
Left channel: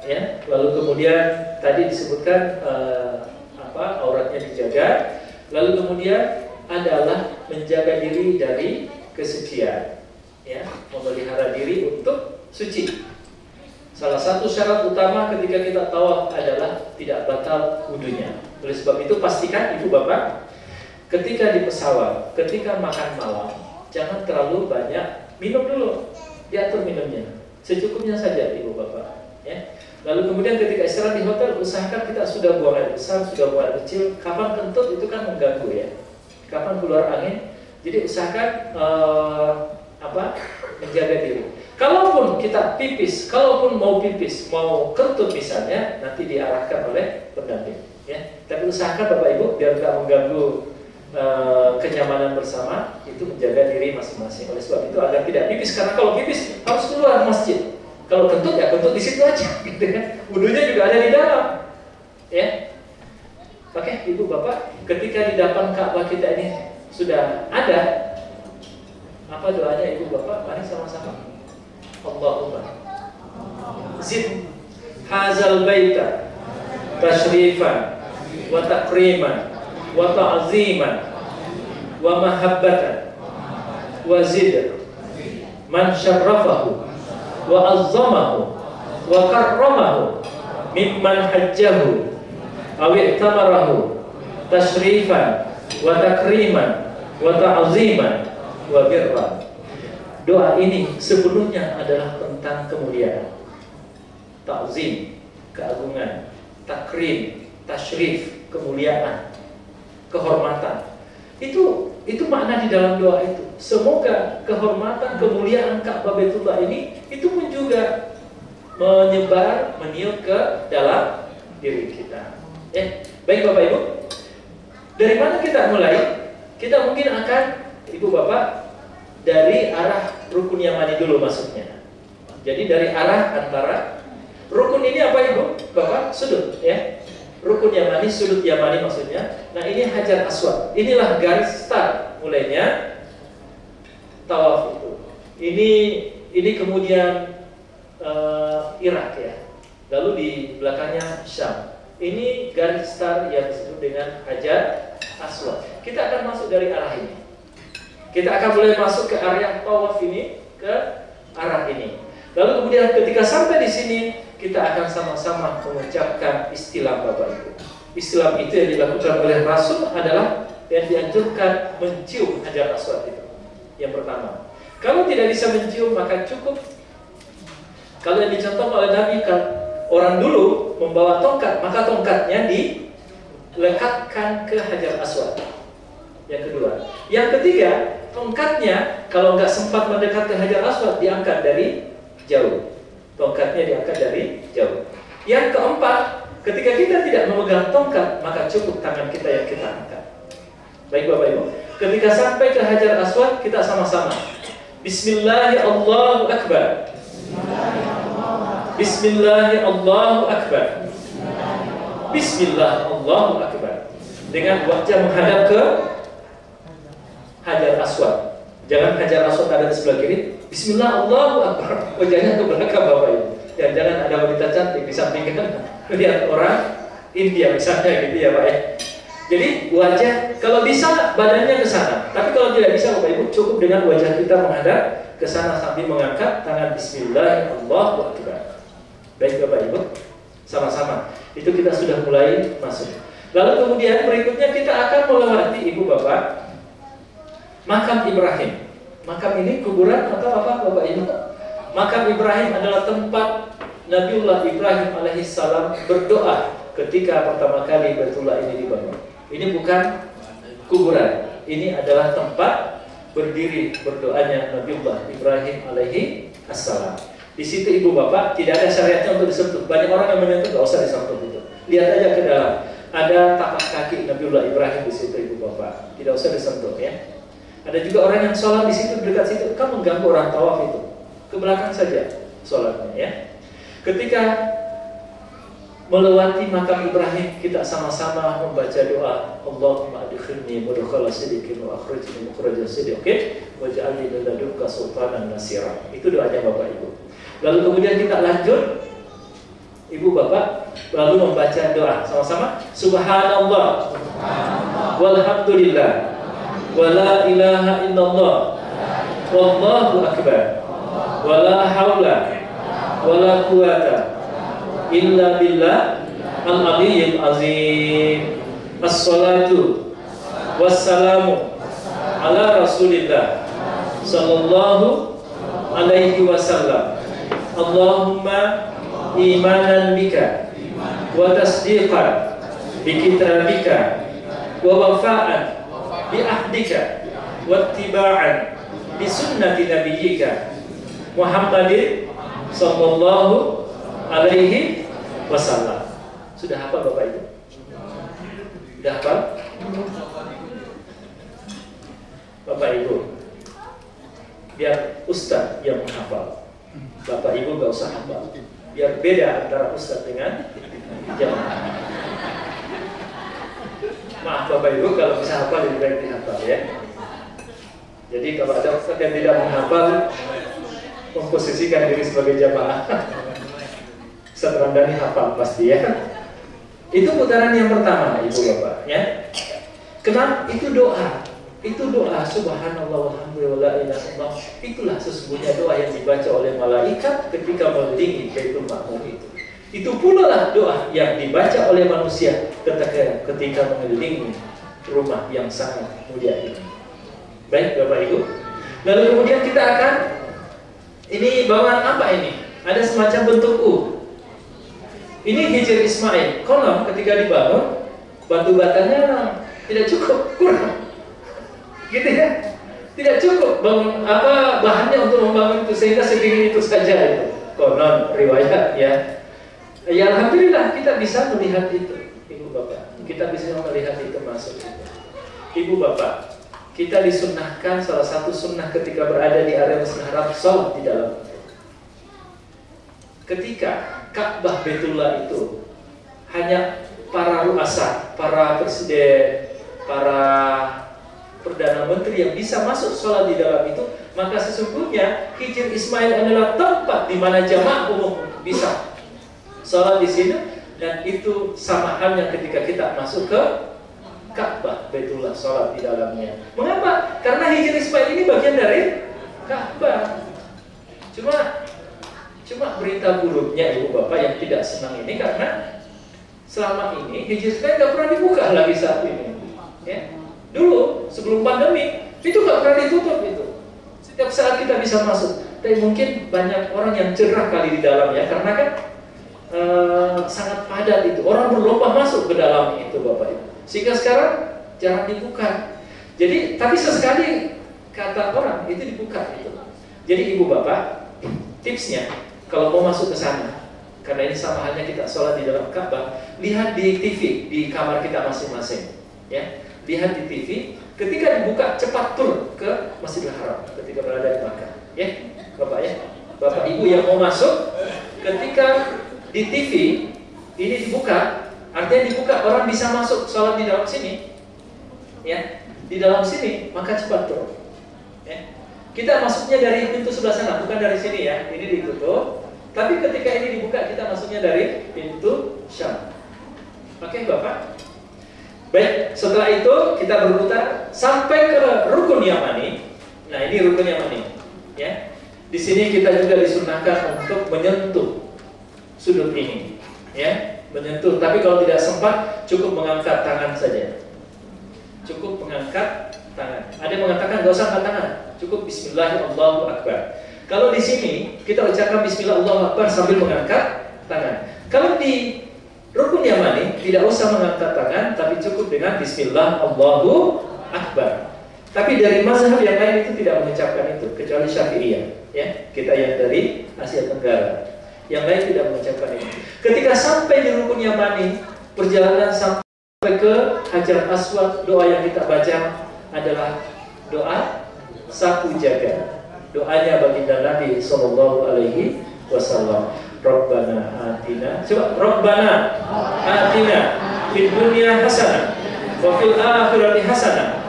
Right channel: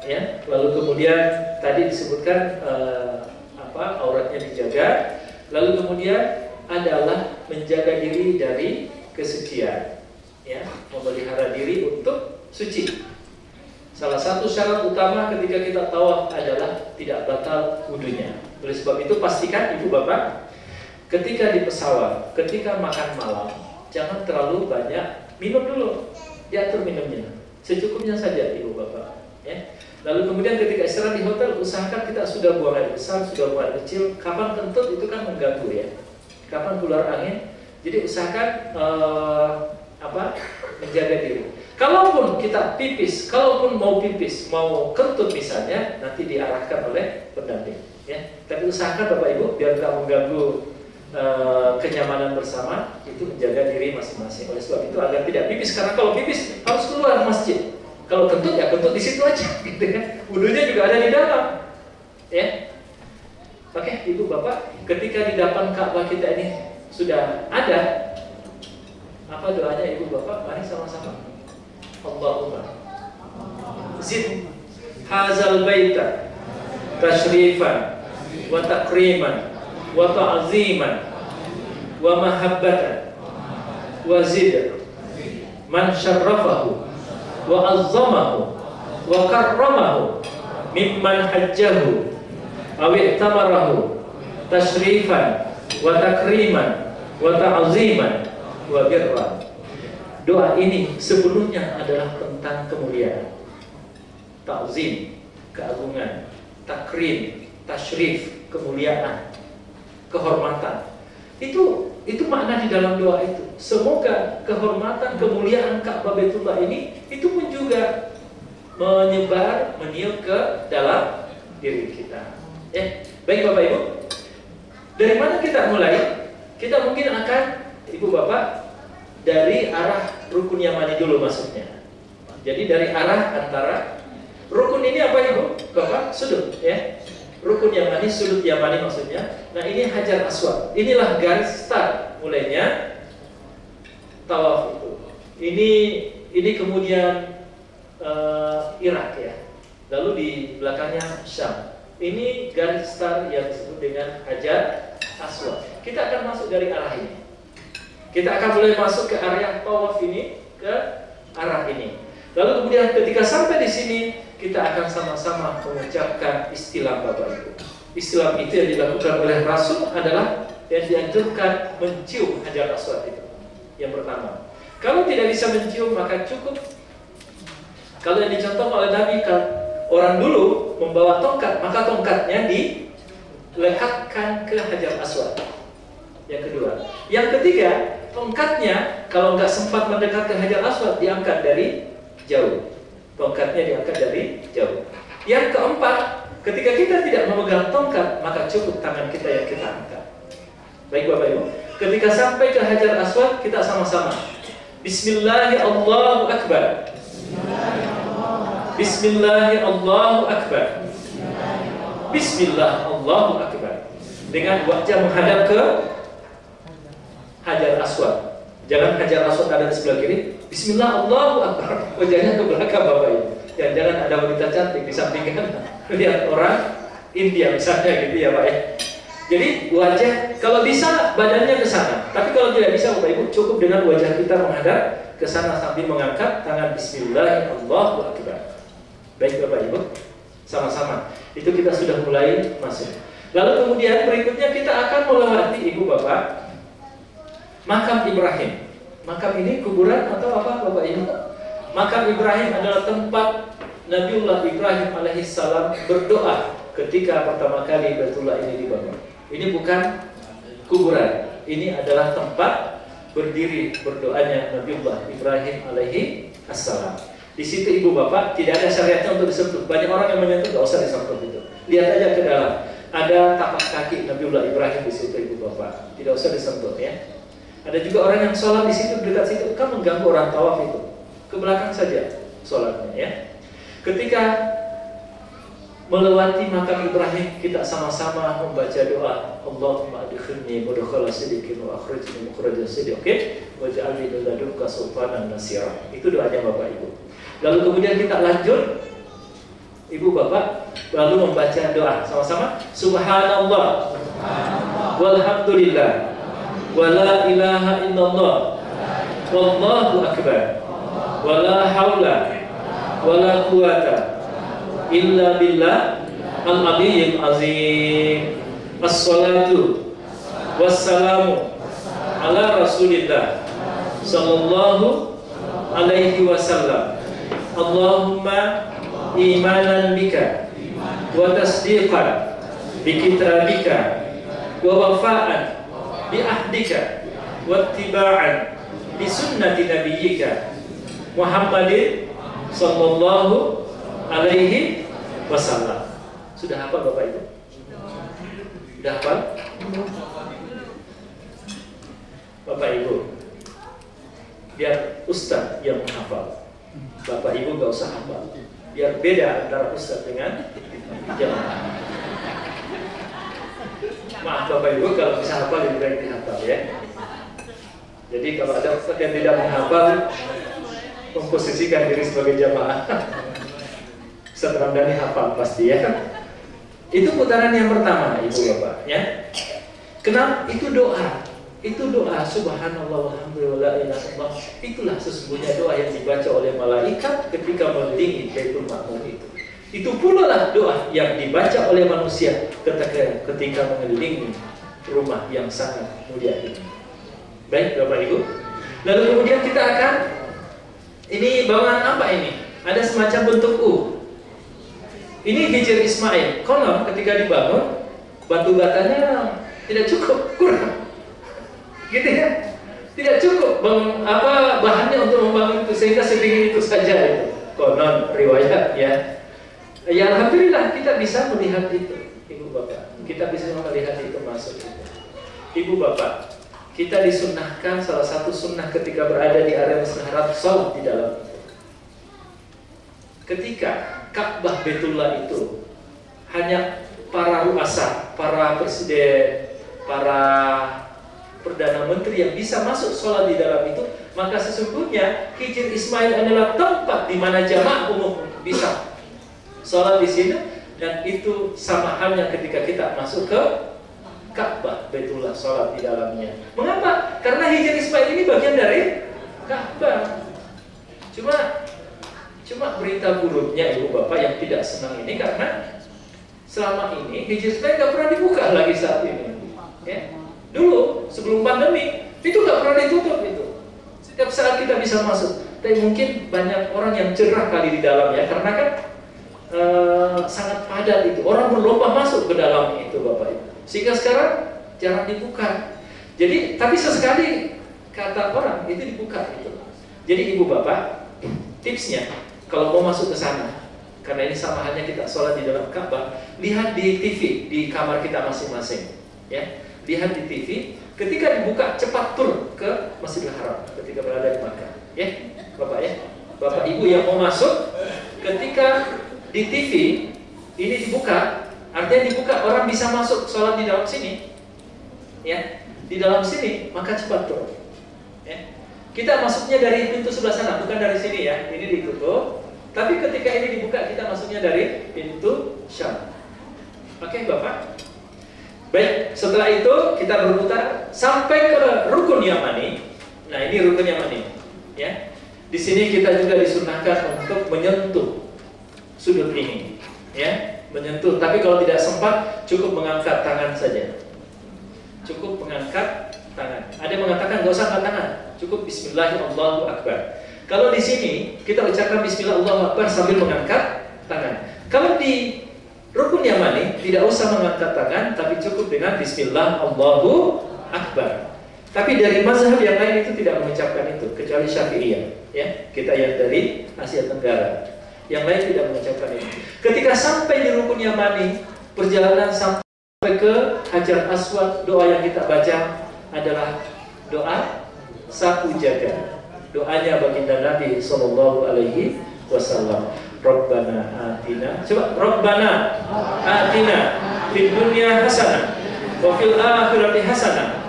ya. Lalu kemudian tadi disebutkan auratnya dijaga. Lalu kemudian adalah menjaga diri dari kesucian, ya, memelihara diri untuk suci. Salah satu syarat utama ketika kita tawaf adalah tidak batal wudunya. Oleh sebab itu pastikan, Ibu Bapak, ketika di pesawat, ketika makan malam, jangan terlalu banyak minum dulu. Diatur minumnya, secukupnya saja, Ibu Bapak, ya. Lalu kemudian ketika istirahat di hotel, usahakan kita sudah buang air besar, sudah buang air kecil. Kapan kentut itu kan mengganggu, ya. Kapan keluar angin, jadi usahakan menjaga diri. Kalaupun kita pipis, kalaupun mau pipis, mau kentut misalnya, nanti diarahkan oleh pendamping, ya. Tapi usahakan Bapak Ibu biar tidak mengganggu kenyamanan bersama, itu menjaga diri masing-masing. Oleh sebab itu agar tidak pipis, karena kalau pipis harus keluar masjid. Kalau kentut ya kentut di situ aja, gitu kan. Wudunya juga ada di dalam, ya. Oke, Ibu Bapak, ketika di depan Ka'bah kita ini sudah ada, apa doanya Ibu Bapak? Mari sama-sama. Allahumma zid hazal baita tashrifan wa takriman wa ta'ziman wa mahabbatan wa zid man syarrafahu wa azzamahu wa karramahu mimman hajjahu aw i'tamarahu tashrifan wa takriman wa ta'ziman wa birran. Doa ini sepenuhnya adalah tentang kemuliaan, ta'zim, keagungan, takrim, tashrif, kemuliaan, kehormatan. Itu makna di dalam doa itu. Semoga kehormatan, kemuliaan Ka'bah Baitullah ini itu pun juga menyebar, meniup ke dalam diri kita. Baik Bapak Ibu, dari mana kita mulai? Kita mungkin akan, Ibu Bapak, dari arah rukun Yamani dulu masuknya. Jadi dari arah antara rukun ini apa Ibu? Bapak, sudut, ya. Rukun Yamani, sudut Yamani maksudnya. Nah ini Hajar Aswad. Inilah garis start mulainya tawaf itu. Ini kemudian Irak, ya. Lalu di belakangnya Syam. Ini garis start yang disebut dengan Hajar Aswad. Kita akan masuk dari arah ini. Kita akan mulai masuk ke area tawaf ini, ke arah ini. Lalu kemudian ketika sampai di sini, kita akan sama-sama mengucapkan istilah Bapak Ibu. Istilah itu yang dilakukan oleh Rasul adalah dan dianjurkan mencium Hajar Aswad itu. Yang pertama. Kalau tidak bisa mencium maka cukup. Kalau yang dicontoh oleh Nabi, orang dulu membawa tongkat, maka tongkatnya dilekatkan ke Hajar Aswad. Yang kedua. Yang ketiga, tongkatnya kalau nggak sempat mendekat ke Hajar Aswad, diangkat dari jauh. Tongkatnya diangkat dari jauh. Yang keempat, ketika kita tidak memegang tongkat, maka cukup tangan kita yang kita angkat. Baik Bapak Ibu, ketika sampai ke Hajar Aswad, kita sama-sama Bismillahirrahmanirrahim, Allahu Akbar. Bismillahirrahmanirrahim, Allahu Akbar. Bismillah, Allahu Akbar. Dengan wajah menghadap ke Hajar Aswad. Jangan Hajar Aswad ada di sebelah kiri. Bismillah, Allahu Akbar. Wajahnya ke belakang Bapak Ibu. Dan jangan ada wanita cantik di samping kan. Lihat orang India misalnya gitu ya Pak ya. Jadi wajah, kalau bisa badannya ke sana. Tapi kalau tidak bisa Bapak Ibu, cukup dengan wajah kita menghadap ke sana sambil mengangkat tangan Bismillahirrahmanirrahim, Allahu Akbar. Baik Bapak Ibu, sama-sama. Itu kita sudah mulai masuk. Lalu kemudian berikutnya kita akan melewati Ibu Bapak Makam Ibrahim. Makam ini kuburan atau apa Bapak Ibu? Makam Ibrahim adalah tempat Nabiullah Ibrahim alaihissalam berdoa ketika pertama kali Baitullah ini dibangun. Ini bukan kuburan. Ini adalah tempat berdiri berdoanya Nabiullah Ibrahim alaihissalam. Di situ Ibu Bapak tidak ada syariatnya untuk disentuh. Banyak orang yang menyentuh, tidak usah disentuh itu. Lihat aja ke dalam. Ada tapak kaki Nabiullah Ibrahim di situ Ibu Bapak. Tidak usah disentuh ya. Ada juga orang yang sholat di situ, dekat situ, kan mengganggu orang tawaf itu. Ke belakang saja sholatnya ya. Ketika melewati makam Ibrahim, kita sama-sama membaca doa, Allahumma adkhilni mudkhala sidqin wa akhrijni mukhraja sidqin waj'alni min ladunka sultanan nasira. Itu doanya Bapak Ibu. Lalu kemudian kita lanjut, Ibu Bapak, lalu membaca doa sama-sama. Subhanallah, walhamdulillah, wala ilaha illallah, wallahu akbar, wala haula wala quwata illa billah al-aliyyil azim. As-salatu wassalamu ala Rasulillah sallallahu alaihi wasallam. Allahumma imanan bika wa tasdiqan bi kitabika wa wafa'an bi ahdika wa ittiba'an bi sunnati nabiyyika Muhammadin sallallahu alaihi wasallam. Sudah hafal Bapak Ibu? Sudah hafal? Bapak Ibu, biar Ustaz yang menghafal. Bapak Ibu gak usah hafal. Biar beda antara Ustaz dengan jamaah. Maaf Bapak Ibu kalau bisa hafal lebih baik dihafal ya. Jadi kalau ada Ustaz yang tidak menghafal, memposisikan diri sebagai jamaah. Ustaz Ramdhani hafal pasti ya. Itu putaran yang pertama Ibu Bapak ya. Kenapa? Itu doa. Itu doa subhanallah walhamdulillah la ilaha illallah. Itulah sesungguhnya doa yang dibaca oleh malaikat ketika mengelilingi Baitul Ma'mur itu. Itu pula lah doa yang dibaca oleh manusia ketika mengelilingi rumah yang sangat mulia ini. Baik Bapak Ibu. Lalu kemudian kita akan, ini bawaan apa ini? Ada semacam bentuk U. Ini Hijr Ismail. Konon ketika dibangun, batu batanya tidak cukup, kurang. Gitu ya, tidak cukup bahannya untuk membangun itu, sehingga setinggi itu saja itu. Konon riwayat ya. Ya alhamdulillah kita bisa melihat itu, Ibu Bapak. Kita bisa melihat itu masuk itu. Ibu Bapak, kita disunnahkan salah satu sunnah ketika berada di area Masjidil Haram, sholat di dalam itu. Ketika Ka'bah Baitullah itu hanya para ruasa, para presiden, para Perdana Menteri yang bisa masuk sholat di dalam itu, maka sesungguhnya Hijr Ismail adalah tempat di mana jamaah umum bisa sholat di sini, dan itu sama halnya ketika kita masuk ke Ka'bah Baitullah, sholat di dalamnya. Mengapa? Karena Hijr Ismail ini bagian dari Ka'bah. Cuma berita buruknya Ibu Bapak yang tidak senang ini karena selama ini Hijr Ismail tidak pernah dibuka lagi saat ini. Ya. Dulu sebelum pandemi itu nggak pernah ditutup itu. Setiap saat kita bisa masuk. Tapi mungkin banyak orang yang cerah kali di dalam ya, karena kan sangat padat itu. Orang berlomba masuk ke dalam itu Bapak Ibu. Sehingga sekarang jarang dibuka. Jadi tapi sesekali kata orang itu dibuka itu. Jadi Ibu Bapak, tipsnya kalau mau masuk ke sana, karena ini sama halnya kita sholat di dalam Ka'bah, lihat di TV di kamar kita masing-masing, ya. Lihat di TV. Ketika dibuka cepat turun ke Masjidil Haram ketika berada di Makkah, ya, Bapak ya. Bapak Ibu yang mau masuk, ketika di TV ini dibuka, artinya dibuka orang bisa masuk sholat di dalam sini, ya, di dalam sini, maka cepat turun. Ya. Kita masuknya dari pintu sebelah sana, bukan dari sini ya. Ini ditutup. Tapi ketika ini dibuka, kita masuknya dari pintu Syam. Oke, Bapak. Baik, setelah itu kita berputar sampai ke rukun Yamani. Nah, ini rukun Yamani, ya. Di sini kita juga disunahkan untuk menyentuh sudut ini, ya, menyentuh. Tapi kalau tidak sempat, cukup mengangkat tangan saja. Cukup mengangkat tangan. Ada yang mengatakan nggak usah angkat tangan, cukup Bismillahirrahmanirrahim. Kalau di sini kita ucapkan Bismillahirrahmanirrahim sambil mengangkat tangan. Kalau di rukun Yamani tidak usah mengangkat tangan, tapi cukup dengan Bismillah Allahu Akbar. Tapi dari mazhab yang lain itu tidak mengucapkan itu, kecuali Syafi'iyah, ya. Kita yang dari Asia Tenggara, yang lain tidak mengucapkan itu. Ketika sampai di rukun Yamani, perjalanan sampai ke Hajar Aswad, doa yang kita baca adalah doa sapu jaga. Doanya baginda Nabi sallallahu alaihi wasallam. Rabbana atina, coba Rabbana atina fid dunya hasanah wa fil akhirati hasanah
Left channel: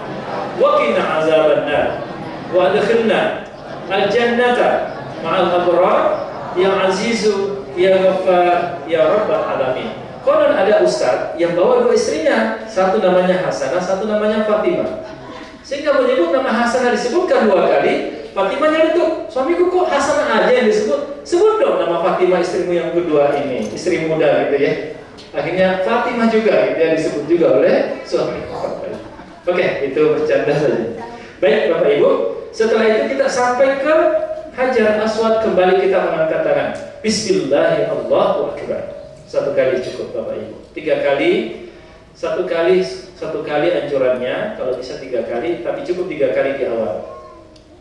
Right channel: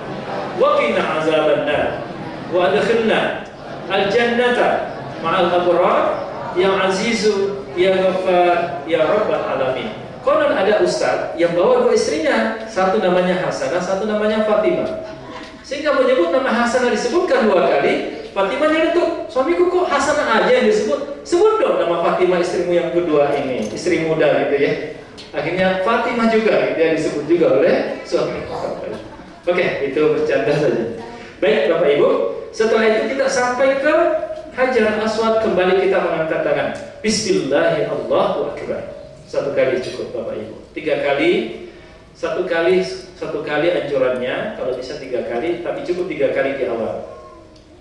wa qina azabannar wa adkhilna al jannata ma'al abrar ya azizu ya ghaffar ya rabbal alamin. Konon ada ustaz yang bawa dua istrinya, satu namanya Hasanah, satu namanya Fatimah. Sehingga menyebut nama Hasanah disebutkan dua kali, Fatimah nyelutuk, suamiku kok Hasanah aja yang disebut? Sebut dong nama Fatimah istrimu yang kedua ini, istri muda gitu ya. Akhirnya Fatimah juga gitu ya, disebut juga oleh suamiku. Oke, itu bercanda saja. Baik Bapak Ibu, setelah itu kita sampai ke Hajar Aswad, kembali kita mengangkat tangan. Bismillahirrahmanirrahim. Satu kali cukup Bapak Ibu. 3 kali, satu kali anjurannya, kalau bisa 3 kali, tapi cukup 3 kali di awal.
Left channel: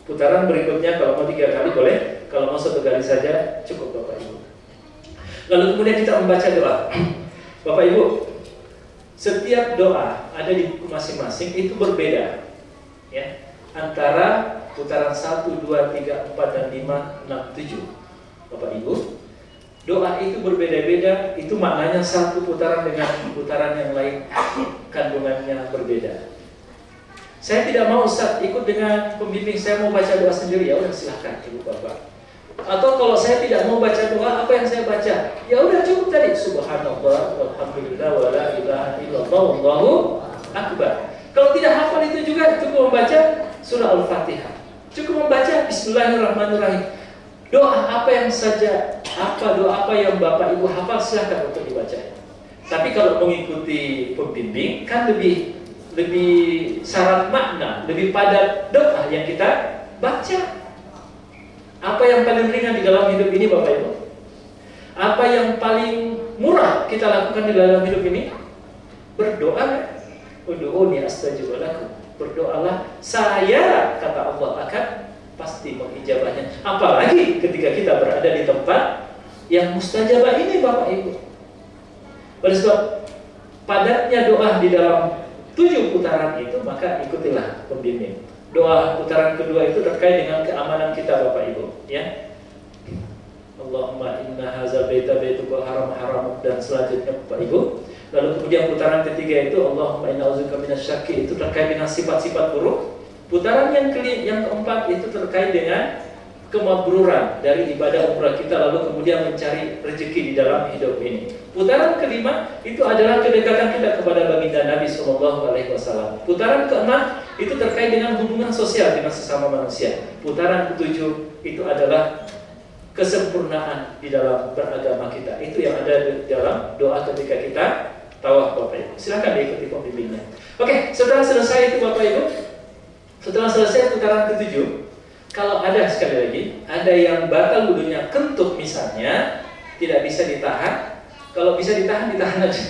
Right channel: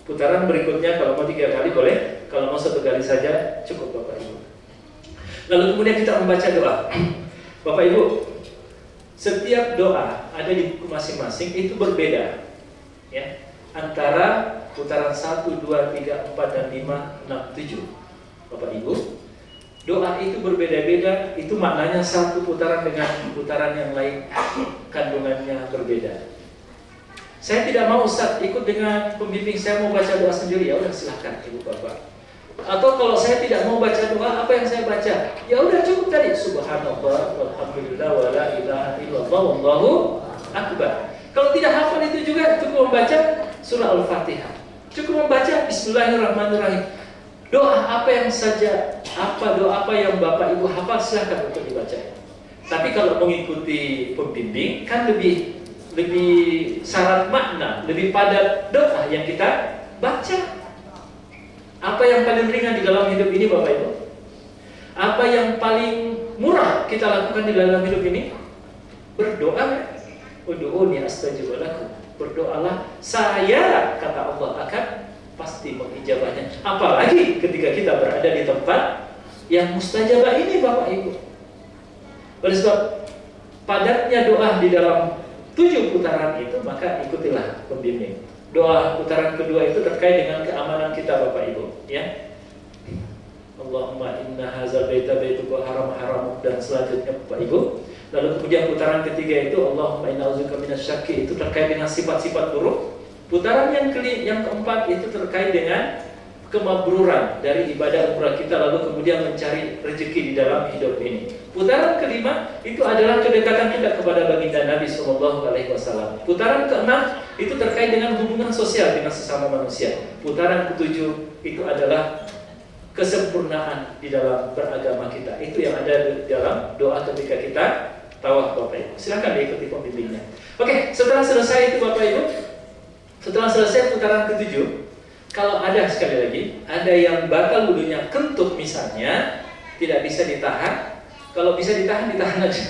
Putaran berikutnya kalau mau 3 kali boleh, kalau mau 1 kali saja cukup Bapak Ibu. Lalu kemudian kita membaca doa. Bapak Ibu, setiap doa ada di buku masing-masing itu berbeda, ya. Antara putaran 1, 2, 3, 4, dan 5, 6, 7. Bapak Ibu, doa itu berbeda-beda, itu maknanya satu putaran dengan putaran yang lain kandungannya berbeda. Saya tidak mau Ustaz ikut dengan pembimbing, saya mau baca doa sendiri, ya udah silahkan Ibu Bapak. Atau kalau saya tidak mau baca doa, apa yang saya baca? Ya udah cukup tadi Subhanallah, walhamdulillah, wala ilaha illallah, wallahu akbar. Kalau tidak hafal itu juga cukup membaca surah Al-Fatihah. Cukup membaca Bismillahirrahmanirrahim. Doa apa yang saja, doa apa yang Bapak Ibu hafal silahkan untuk dibaca. Tapi kalau mengikuti pembimbing kan lebih syarat makna, lebih padat doa yang kita baca. Apa yang paling ringan di dalam hidup ini Bapak Ibu? Apa yang paling murah kita lakukan di dalam hidup ini? Berdoa. Ud'uni astajib lakum. Berdoalah, saya kata Allah akan pasti mengijabahnya. Apalagi ketika kita berada di tempat yang mustajabah ini Bapak Ibu. Oleh sebab padatnya doa di dalam 7 putaran itu, maka ikutilah pembimbing. Doa putaran kedua itu terkait dengan keamanan kita Bapak Ibu, ya. Allahumma inna hazal baita baituka haram dan selanjutnya Bapak Ibu. Lalu kemudian putaran ketiga itu Allahumma inna a'udzubika minasyakki, itu terkait dengan sifat-sifat buruk. Putaran yang keempat itu terkait dengan kemabruran dari ibadah umrah kita, lalu kemudian mencari rezeki di dalam hidup ini. Putaran kelima itu adalah kedekatan kita kepada baginda Nabi SAW. Putaran keenam itu terkait dengan hubungan sosial dengan sesama manusia. Putaran ketujuh itu adalah kesempurnaan di dalam beragama kita. Itu yang ada di dalam doa ketika kita tawaf Bapak Ibu. Silakan diikuti pembimbingnya. Oke, setelah selesai itu Bapak Ibu, setelah selesai putaran ke-7, kalau ada sekali lagi, ada yang batal wudunya kentut misalnya, tidak bisa ditahan. Kalau bisa ditahan, ditahan aja.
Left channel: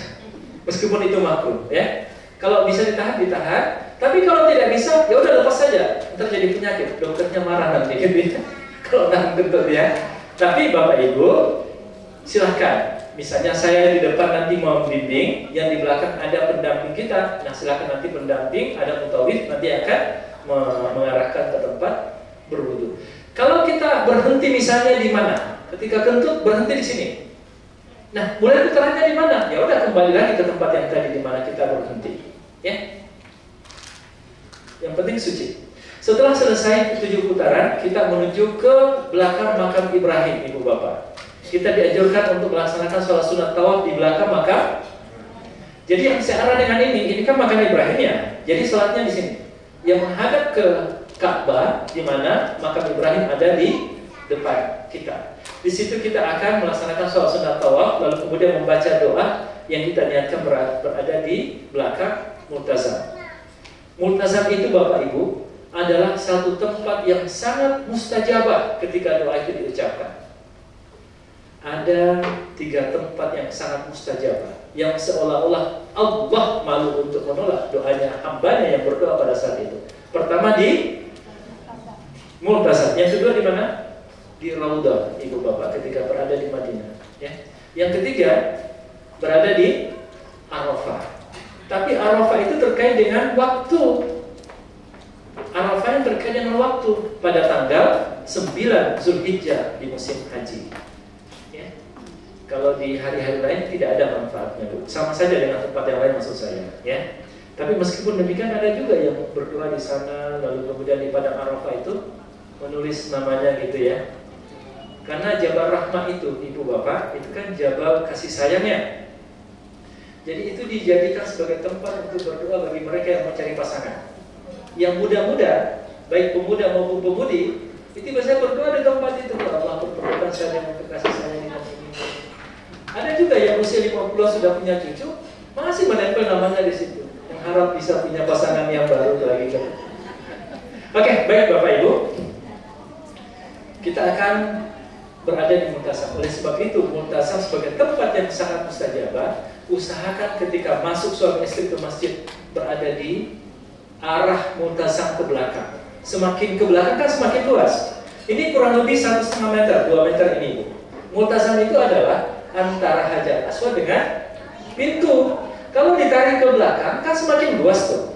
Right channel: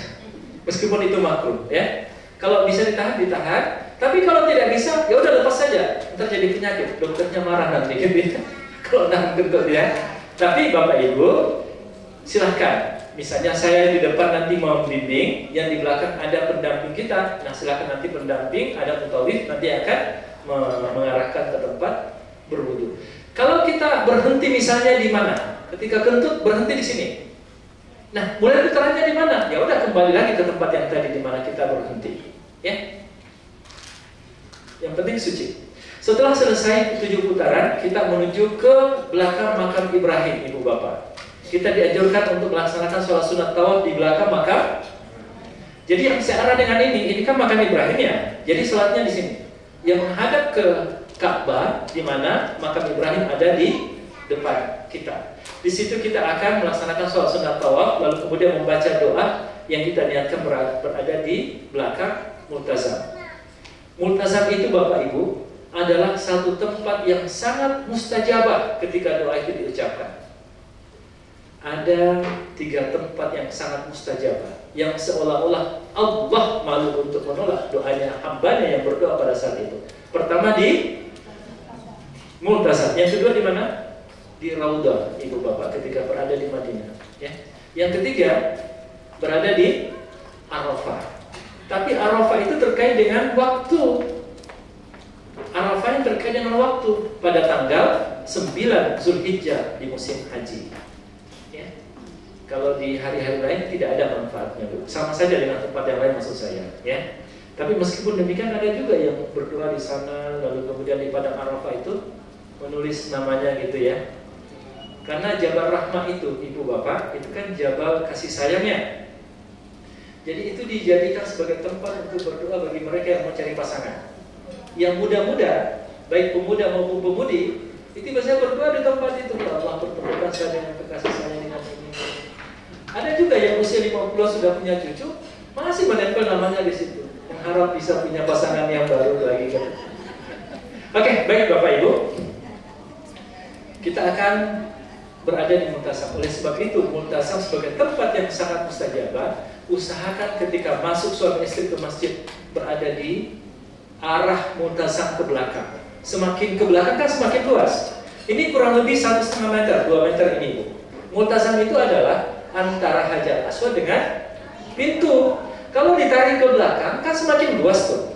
Meskipun itu makruh, ya. Kalau bisa ditahan, ditahan. Tapi kalau tidak bisa, ya udah lepas saja. Ntar jadi penyakit, dokternya marah nanti gitu. Kalau nahan kentut ya. Tapi Bapak Ibu, silahkan. Misalnya saya di depan nanti mau membimbing, yang di belakang ada pendamping kita. Nah silahkan nanti pendamping, ada mutawif nanti akan mengarahkan ke tempat berwudu. Kalau kita berhenti misalnya di mana? Ketika kentut berhenti di sini. Nah, mulai putarannya di mana? Ya udah kembali lagi ke tempat yang tadi di mana kita berhenti. Ya. Yang penting suci. Setelah selesai 7 putaran, kita menuju ke belakang makam Ibrahim, Ibu Bapak. Kita dianjurkan untuk melaksanakan sholat sunat tawaf di belakang makam. Jadi yang searah dengan ini kan makam Ibrahim ya. Jadi sholatnya di sini. Yang menghadap ke Ka'bah, di mana makam Ibrahim ada di depan kita. Di situ kita akan melaksanakan sholat sunat tawaf, lalu kemudian membaca doa yang kita niatkan berada di belakang multazam. Multazam itu Bapak Ibu adalah satu tempat yang sangat mustajabah ketika doa itu diucapkan. Ada 3 tempat yang sangat mustajabah, yang seolah-olah Allah malu untuk menolak doanya hambanya yang berdoa pada saat itu. Pertama di multazam, yang kedua di mana? Di Raudah, Ibu Bapak, ketika berada di Madinah. Ya. Yang ketiga berada di Arafah. Tapi Arafah itu terkait dengan waktu. Arafah yang terkait dengan waktu pada tanggal 9 Zulhijjah di musim haji. Ya. Kalau di hari-hari lain tidak ada manfaatnya, Bu. Sama saja dengan tempat yang lain maksud saya. Ya. Tapi meskipun demikian ada juga yang berdoa di sana, lalu kemudian di padang Arafah itu menulis namanya gitu ya. Karena Jabal Rahmah itu, Ibu Bapak, itu kan Jabal kasih sayangnya. Jadi itu dijadikan sebagai tempat untuk berdoa bagi mereka yang mencari pasangan. Yang muda-muda, baik pemuda maupun pemudi, itu biasanya berdoa di tempat itu. Allah pertemukan saya dengan kekasih saya ini. Ada juga yang usia 50 sudah punya cucu, masih menempel namanya di situ. Yang harap bisa punya pasangan yang baru lagi. Oke, baik Bapak Ibu. Kita akan berada di multazam. Oleh sebab itu, multazam sebagai tempat yang sangat mustajabah, usahakan ketika masuk suami istri ke masjid berada di arah multazam ke belakang. Semakin ke belakang kan semakin luas. Ini kurang lebih 1,5 meter, 2 meter ini, Bu. Multazam itu adalah antara Hajar Aswad dengan pintu. Kalau ditarik ke belakang kan semakin luas tuh.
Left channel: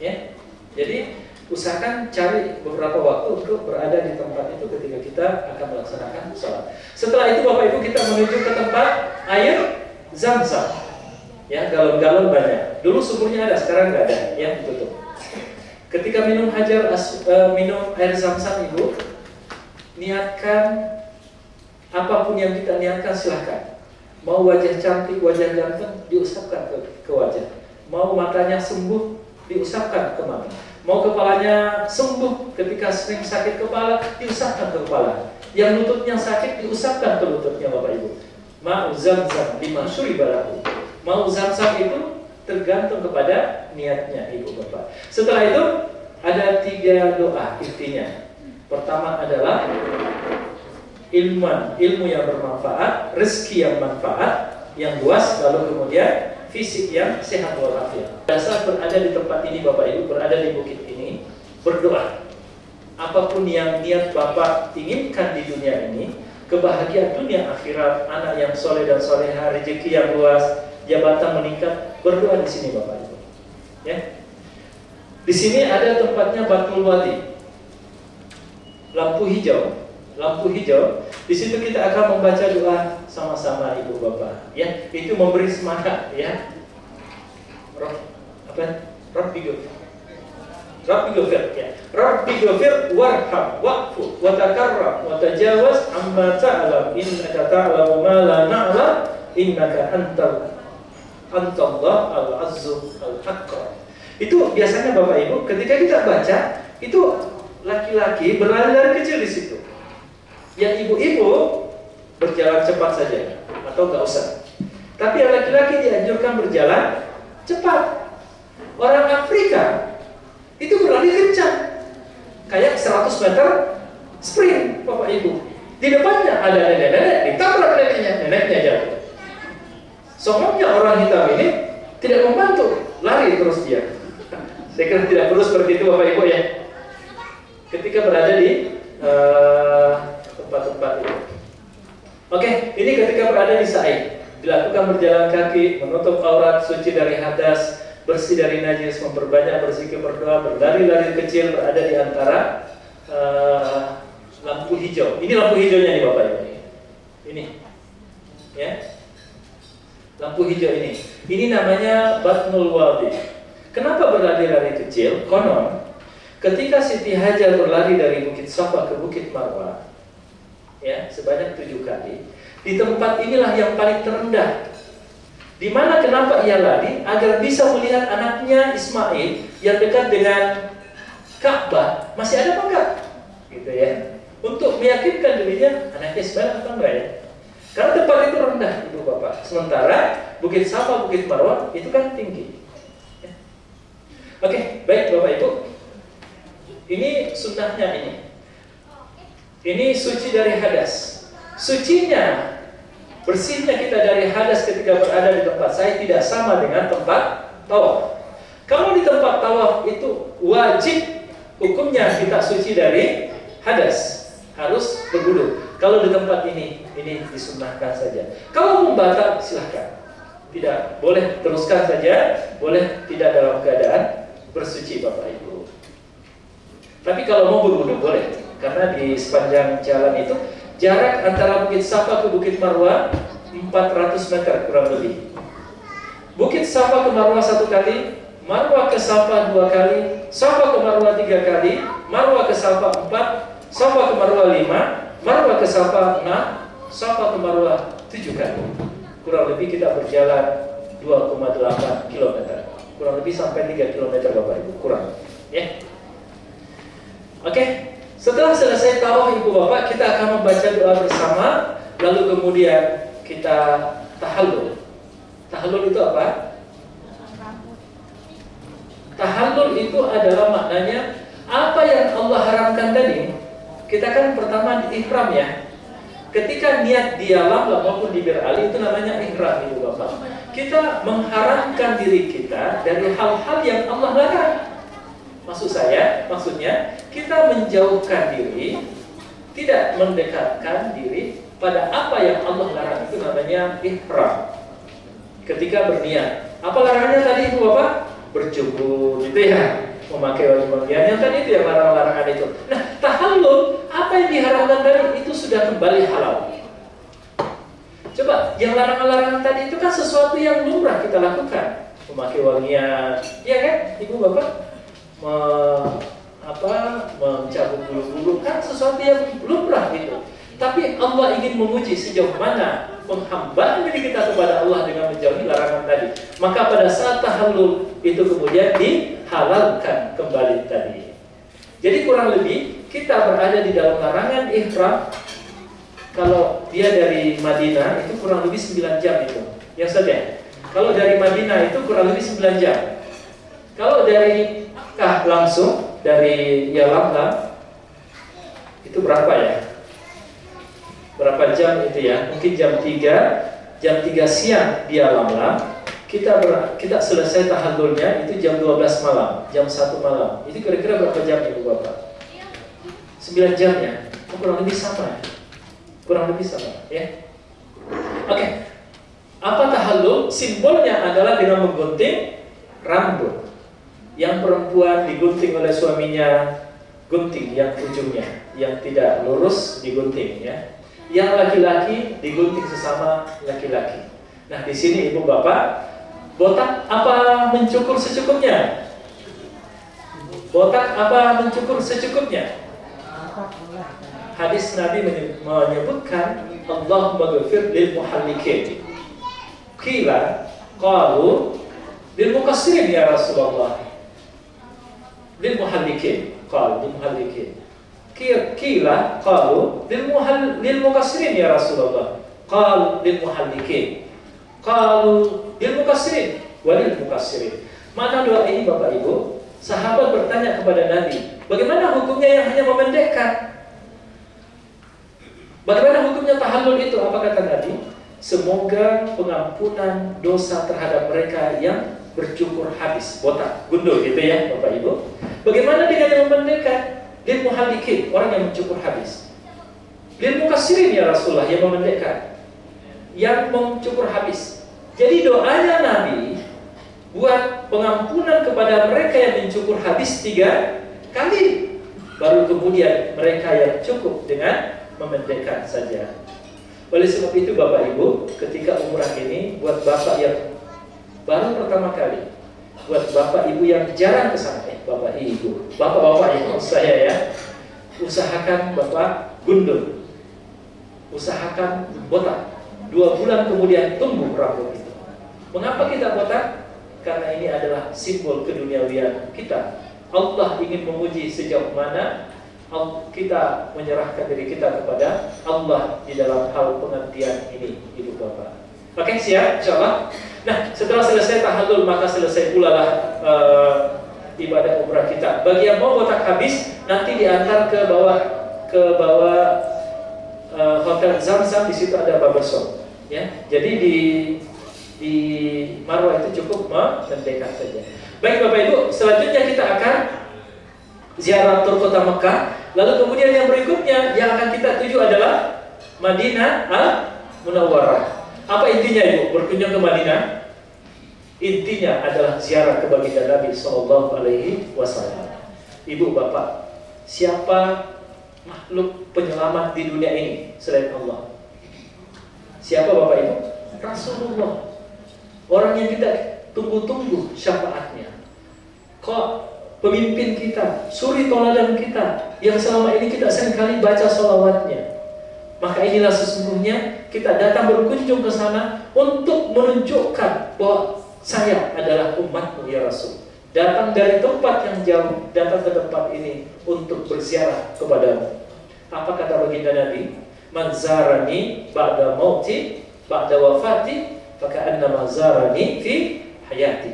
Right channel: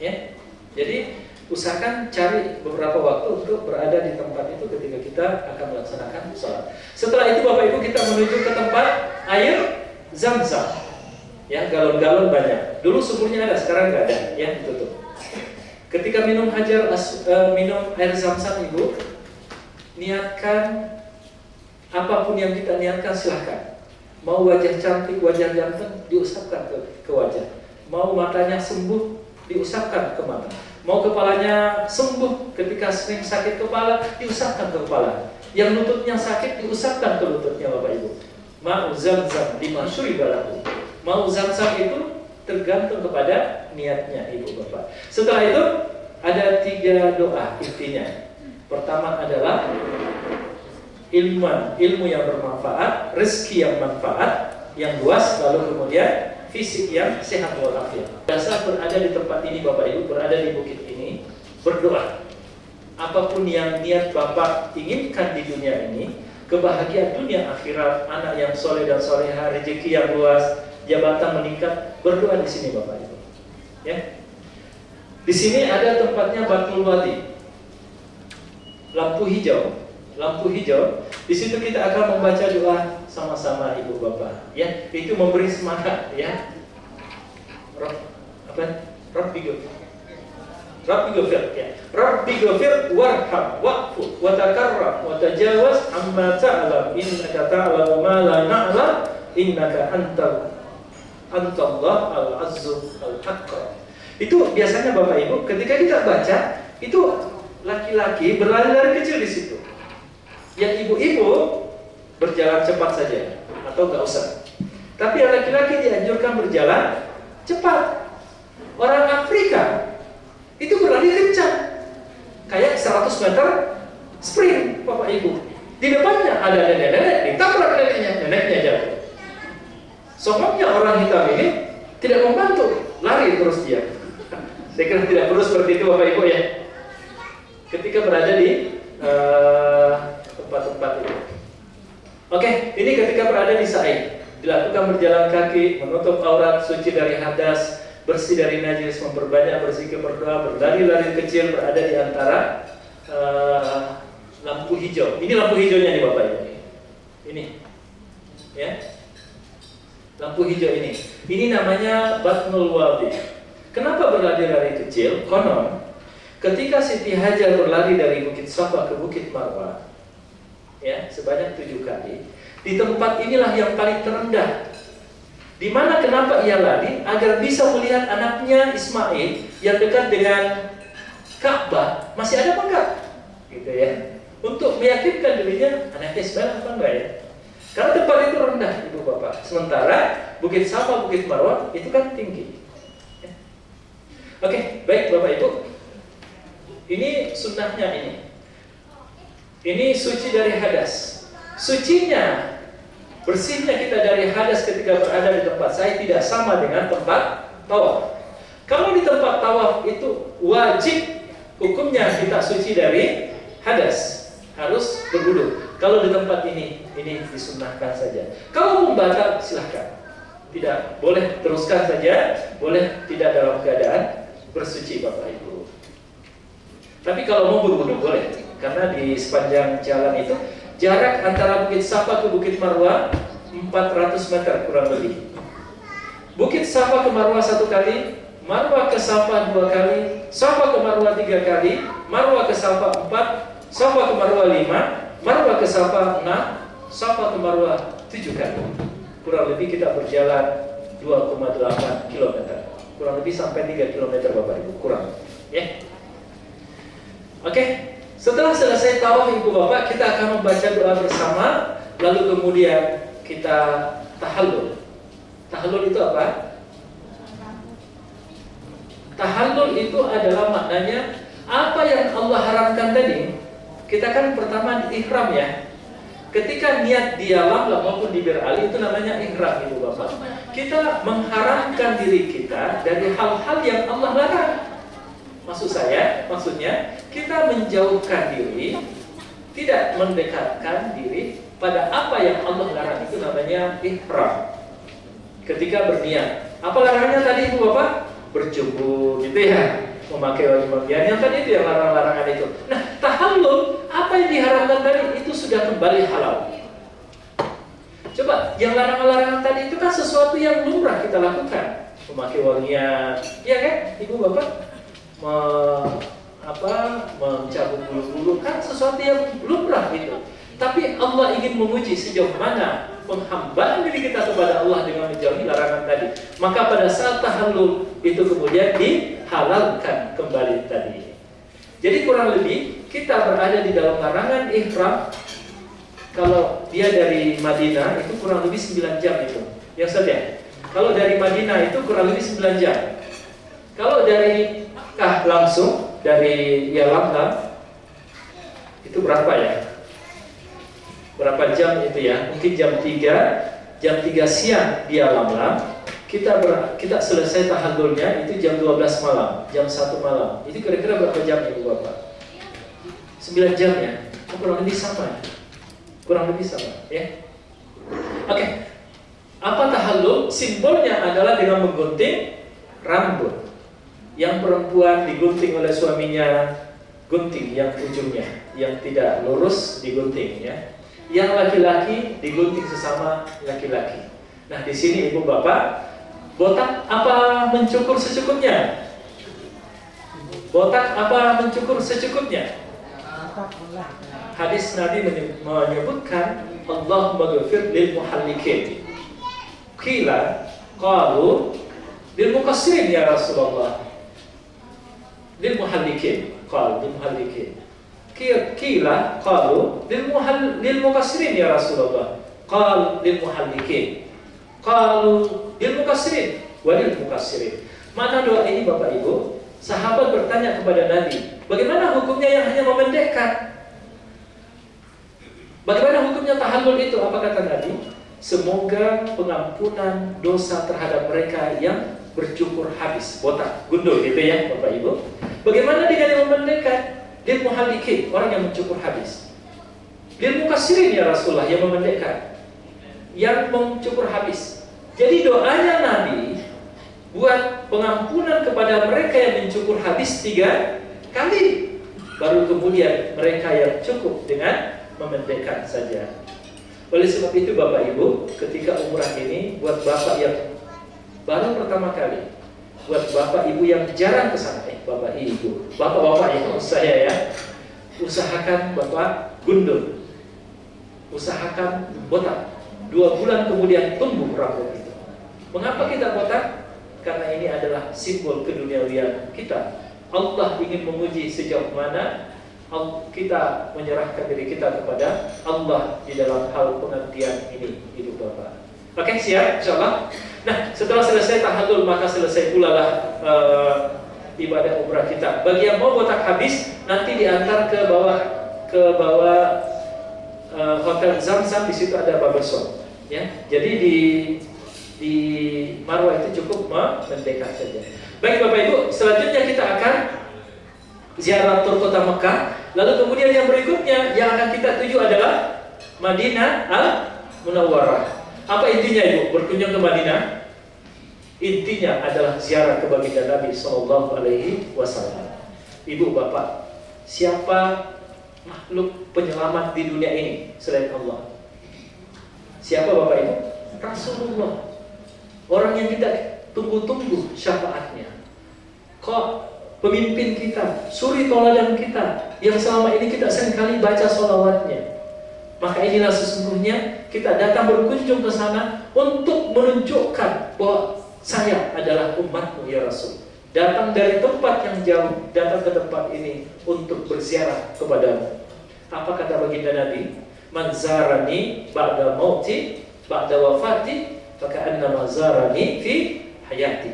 Ya. Jadi usahakan cari beberapa waktu untuk berada di tempat itu ketika kita akan melaksanakan sholat. Setelah itu Bapak Ibu kita menuju ke tempat air Zam-Zam. Ya, galon-galon banyak. Dulu sumurnya ada, sekarang nggak ada, ya ditutup. Ketika minum minum air Zam-Zam Ibu, niatkan apapun yang kita niatkan silahkan. Mau wajah cantik, wajah ganteng, diusapkan ke wajah. Mau matanya sembuh, diusapkan ke mata. Mau kepalanya sembuh ketika sering sakit kepala, diusapkan ke kepala. Yang lututnya sakit, diusapkan ke lututnya Bapak Ibu. Ma'u Zam-Zam lima syuribalahu. Mau Zam-Zam itu tergantung kepada niatnya Ibu Bapak. Setelah itu ada 3 doa intinya. Pertama adalah ilmu yang bermanfaat, rezeki yang manfaat, yang luas, lalu kemudian fisik yang sehat walafiat. Dasar berada di tempat ini Bapak Ibu, berada di bukit ini, berdoa. Apapun yang niat Bapak inginkan di dunia ini, kebahagiaan dunia akhirat, anak yang soleh dan soleha, rezeki yang luas, jabatan meningkat, berdoa di sini Bapak Ibu. Ya. Di sini ada tempatnya Batul Wadi, lampu hijau. Di situ kita akan membaca doa sama-sama Ibu Bapak. Ya, itu memberi semangat ya. Rabbi ghafir ya. Rabbi ghafir warham wa'fu wa takarram wa tajawaz amma ta'lam innaka ta'lamu ma la na'lam innaka antallah al-azzu al-haqq. Itu biasanya Bapak Ibu ketika kita baca itu laki-laki berlari-lari kecil di situ. Yang ibu-ibu berjalan cepat saja atau nggak usah. Tapi yang laki-laki dianjurkan berjalan cepat. Orang Afrika itu berlari kencang, kayak 100 meter sprint, Bapak Ibu. Di depannya ada nenek-nenek, ditabrak neneknya jatuh. Soalnya orang hitam ini tidak membantu, lari terus dia. Saya kira tidak perlu seperti itu, Bapak Ibu ya. Ketika berada di tempat-tempat itu. Oke, ini ketika berada di sa'i, dilakukan berjalan kaki, menutup aurat, suci dari hadas, bersih dari najis, memperbanyak berzikir, berdoa, berlari-lari kecil, berada di antara lampu hijau. Ini lampu hijaunya nih Bapak Ibu. Ini, ya, lampu hijau ini. Ini namanya Batnul Wadi. Kenapa berlari-lari kecil? Konon, ketika Siti Hajar berlari dari Bukit Safa ke Bukit Marwah, ya, sebanyak 7 kali, di tempat inilah yang paling terendah. Di mana kenapa ia lari? Agar bisa melihat anaknya Ismail yang dekat dengan Ka'bah masih ada apa enggak? Gitu ya. Untuk meyakinkan dirinya anaknya Ismail apa enggak ya? Karena tempat itu rendah, Ibu Bapak. Sementara Bukit Safa, Bukit Marwah itu kan tinggi. Ya. Oke, baik Bapak Ibu. Ini sunnahnya ini. Ini suci dari hadas. Sucinya, bersihnya kita dari hadas ketika berada di tempat sa'i tidak sama dengan tempat tawaf. Kalau di tempat tawaf itu wajib hukumnya kita suci dari hadas, harus berwudu. Kalau di tempat ini disunnahkan saja. Kalau membatal silahkan, tidak boleh teruskan saja, boleh tidak dalam keadaan bersuci Bapak Ibu. Tapi kalau mau berwudu boleh, karena di sepanjang jalan itu jarak antara Bukit Safa ke Bukit Marwah 400 meter kurang lebih. Bukit Safa ke Marwah 1 kali, Marwah ke Safa 2 kali, Safa ke Marwah 3 kali, Marwah ke Safa 4, Safa ke Marwah 5, Marwah ke Safa 6, Safa ke Marwah 7 kali. Kurang lebih kita berjalan 2,8 km. Kurang lebih sampai 3 km Bapak Ibu, kurang. Ya. Oke. Setelah selesai tawaf Ibu Bapak, kita akan membaca doa bersama, lalu kemudian kita tahallul. Tahallul itu apa? Tahallul itu adalah maknanya apa yang Allah haramkan tadi. Kita kan pertama di ihram ya. Ketika niat di alam maupun di berali itu namanya ihram Ibu Bapak. Kita mengharamkan diri kita dari hal-hal yang Allah larang. Maksudnya kita menjauhkan diri, tidak mendekatkan diri pada apa yang Allah larang. Itu namanya ihram. Ketika berniat, apa larangannya tadi Ibu Bapak? Berjubur, gitu ya, memakai baju bagian yang tadi itu yang larang-larangan itu. Nah, tahallul, apa yang diharamkan tadi itu sudah kembali halal. Coba, yang larangan-larangan tadi itu kan sesuatu yang lumrah kita lakukan, memakai wangian, ya kan, Ibu Bapak? Mencabut bulu-bulu kan sesuatu yang lumrah itu. Tapi Allah ingin menguji sejauh mana penghambaan diri kita kepada Allah dengan menjauhi larangan tadi. Maka pada saat tahallul itu kemudian dihalalkan kembali tadi. Jadi kurang lebih kita berada di dalam larangan ihram. Kalau dia dari Madinah itu kurang lebih 9 jam itu. Yang saja. Kalau dari Madinah itu kurang lebih 9 jam. Kalau dari langsung dari Yalamlam itu berapa ya? Berapa jam itu ya? Mungkin jam 3 siang di Yalamlam. Kita selesai tahallulnya itu jam 12 malam, jam 1 malam. Itu kira-kira berapa jam Ibu Bapak? 9 jam ya? Kurang lebih sama. Kurang lebih sama ya. Oke. Apa tahallul? Simbolnya adalah dengan menggunting rambut. Yang perempuan digunting oleh suaminya, gunting yang ujungnya, yang tidak lurus digunting ya. Yang laki-laki digunting sesama laki-laki. Nah, di sini Ibu Bapak, botak apa mencukur secukupnya? Botak apa mencukur secukupnya? Hadis Nabi menyebutkan Allahumma ghafir lil muhallikin. Qila qalu lil muqassirin ya Rasulullah. Lil muhallikin, qal lil muhallikin. Qila qalu lil muqassirin ya Rasulullah. Qal lil muhallikin. Qalu lil mukassirin walil mukassirin. Mana doa ini Bapak Ibu? Sahabat bertanya kepada Nabi, bagaimana hukumnya yang hanya memendekkan? Bagaimana hukumnya tahallul itu? Apa kata Nabi? Semoga pengampunan dosa terhadap mereka yang bercukur habis, botak, gundul gitu ya Bapak Ibu. Bagaimana dengan yang memendekkan? Lil muhalikin, orang yang mencukur habis. Lil mukassirin ya Rasulullah, yang memendekkan, yang mencukur habis. Jadi doanya Nabi buat pengampunan kepada mereka yang mencukur habis 3 kali. Baru kemudian mereka yang cukup dengan memendekkan saja. Oleh sebab itu Bapak Ibu, ketika umrah ini buat Bapak yang baru pertama kali, buat Bapak Ibu yang jarang ke sana, Bapak Ibu, Bapak-bapak yang saya ya, usahakan Bapak gundul, usahakan botak. 2 bulan kemudian tumbuh rambut itu. Mengapa kita botak? Karena ini adalah simbol keduniawian kita. Allah ingin menguji sejauh mana kita menyerahkan diri kita kepada Allah di dalam hal pengabdian ini, Ibu Bapak. Oke, siap insyaallah. Nah, setelah selesai tahallul maka selesai pula lah ibadah umrah kita. Bagi yang mau botak habis nanti diantar ke bawah hotel Zamzam, di situ ada barbershop ya. Jadi di Marwah itu cukup mendekat saja. Baik Bapak Ibu, selanjutnya kita akan ziarah tur kota Mekah. Lalu kemudian yang berikutnya yang akan kita tuju adalah Madinah Al-Munawwarah. Apa intinya Ibu berkunjung ke Madinah? Intinya adalah ziarah ke baginda Nabi Sallallahu Alaihi Wasallam. Ibu Bapak, siapa makhluk penyelamat di dunia ini selain Allah? Siapa Bapak Ibu? Rasulullah. Orang yang kita tunggu-tunggu syafaatnya. Kok pemimpin kita, suri toladan kita, yang selama ini kita seringkali baca sholawatnya. Maka inilah sesungguhnya kita datang berkunjung ke sana untuk menunjukkan bahwa saya adalah umatmu ya Rasul. Datang dari tempat yang jauh, datang ke tempat ini untuk berziarah kepadamu. Apa kata baginda Nabi? Man zarani ba'da mauti ba'da wafati faka'annama zarani fi hayati.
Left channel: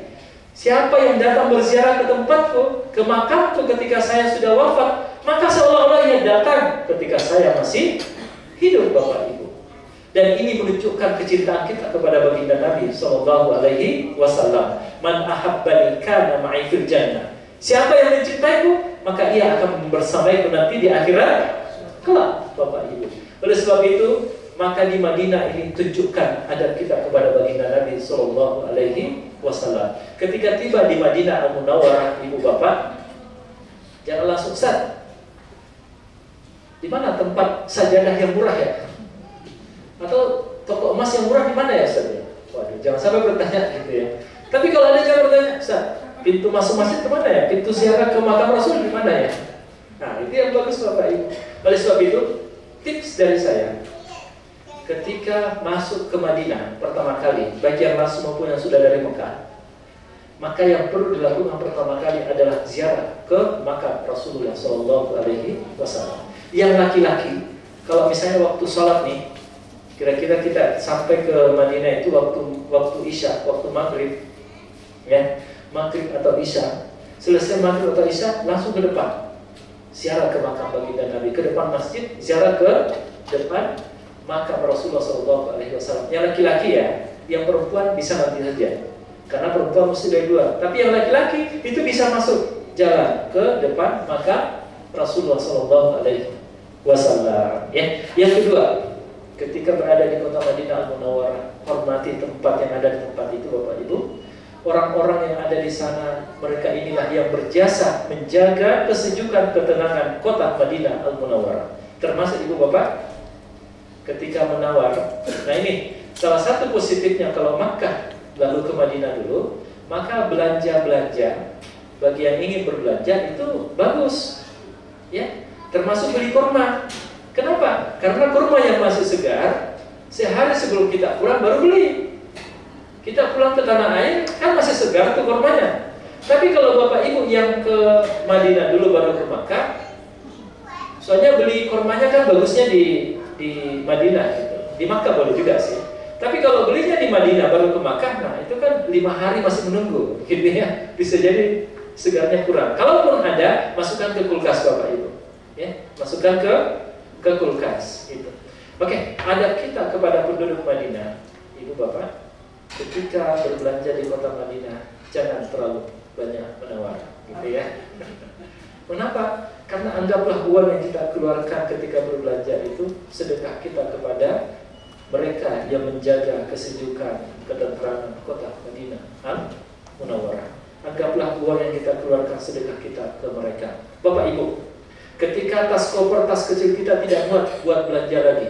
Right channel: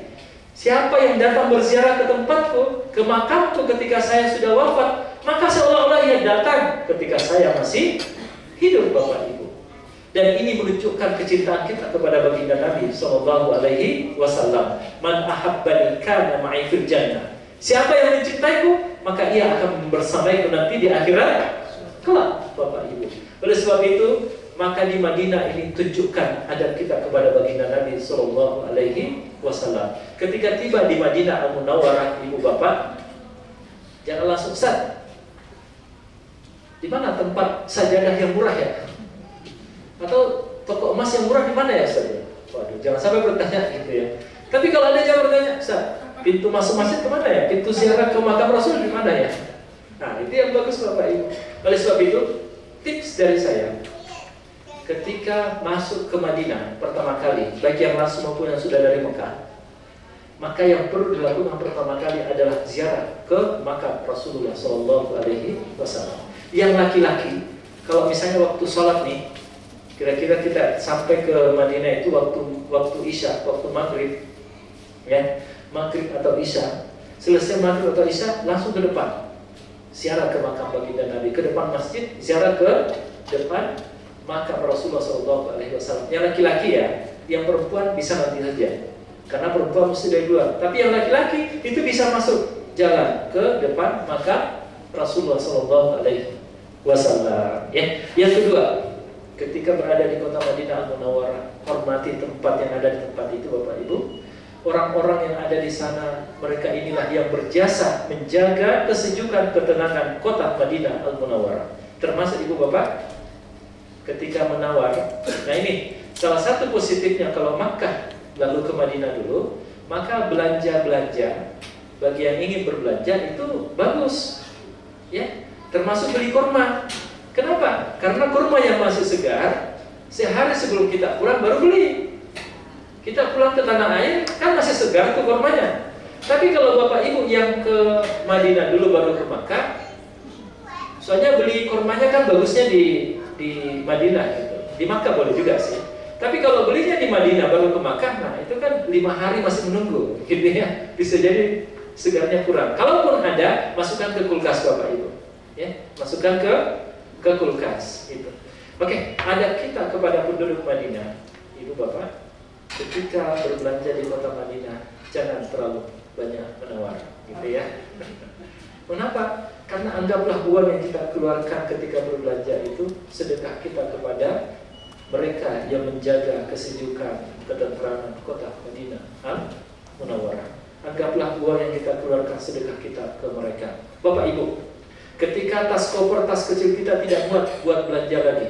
Siapa yang datang berziarah ke tempatku, ke makamku ketika saya sudah wafat, maka seolah-olah ia datang ketika saya masih hidup Bapak Ibu. Dan ini menunjukkan kecintaan kita kepada baginda Nabi Sallallahu Alaihi Wasallam. Man ahabbani kana ma'i fil jannah. Siapa yang mencintaiku, maka ia akan bersamaiku nanti di akhirat kelak Bapak Ibu. Oleh sebab itu, maka di Madinah ini tunjukkan adab kita kepada baginda Nabi Sallallahu Alaihi Wasallam. Ketika tiba di Madinah Al-Munawwarah, Ibu Bapak, jangan langsung sat. Di mana tempat sajadah yang murah ya? Atau toko emas yang murah di mana ya Ustaz? Waduh, jangan sampai bertanya gitu ya. Tapi kalau ada yang bertanya, Ustaz, pintu masuk masjid kemana ya? Pintu ziarah ke makam Rasul di mana ya? Nah, itu yang bagus Bapak Ibu. Oleh sebab itu, tips dari saya, ketika masuk ke Madinah pertama kali, baik yang masuk maupun yang sudah dari Mekah, maka yang perlu dilakukan pertama kali adalah ziarah ke makam Rasulullah Sallallahu Alaihi Wasallam. Yang laki-laki, kalau misalnya waktu sholat nih, kira-kira kita sampai ke Madinah itu waktu Isya, waktu maghrib, ya, maghrib atau Isya. Selesai maghrib atau Isya, langsung ke depan, ziarah ke makam baginda Nabi, ke depan masjid, ziarah ke depan makam Rasulullah SAW. Yang laki-laki ya, yang perempuan bisa nanti saja, karena perempuan mesti dari luar. Tapi yang laki-laki itu bisa masuk jalan ke depan makam Rasulullah SAW. Ya. Yang kedua, ketika berada di kota Madinah Al-Munawwarah, hormati tempat yang ada di tempat itu Bapak Ibu. Orang-orang yang ada di sana, mereka inilah yang berjasa menjaga kesejukan, ketenangan kota Madinah Al-Munawwarah. Termasuk Ibu Bapak, ketika menawar. Nah ini salah satu positifnya kalau Makkah lalu ke Madinah dulu, maka belanja-belanja bagi yang ingin berbelanja itu bagus, ya. Termasuk beli kurma. Kenapa? Karena kurma yang masih segar, sehari sebelum kita pulang baru beli. Kita pulang ke tanah air kan masih segar tuh kurmanya. Tapi kalau Bapak Ibu yang ke Madinah dulu baru ke Makkah, soalnya beli kurmanya kan bagusnya di Madinah gitu. Di Makkah boleh juga sih. Tapi kalau belinya di Madinah baru ke Makkah, nah itu kan 5 hari masih menunggu, gitu ya. Bisa jadi segarnya kurang. Kalaupun ada, masukkan ke kulkas Bapak Ibu, ya, masukkan ke kulkas. Gitu. Oke, adab kita kepada penduduk Madinah, Ibu Bapak, ketika berbelanja di kota Madinah, jangan terlalu banyak menawar, gitu ya. Kenapa? Karena anggaplah uang yang kita keluarkan ketika berbelanja itu sedekah kita kepada mereka yang menjaga kesejukan, ketentraman kota Madinah Al-Munawwarah. Anggaplah uang yang kita keluarkan sedekah kita ke mereka. Bapak Ibu, ketika tas koper, tas kecil kita tidak muat buat belanja lagi,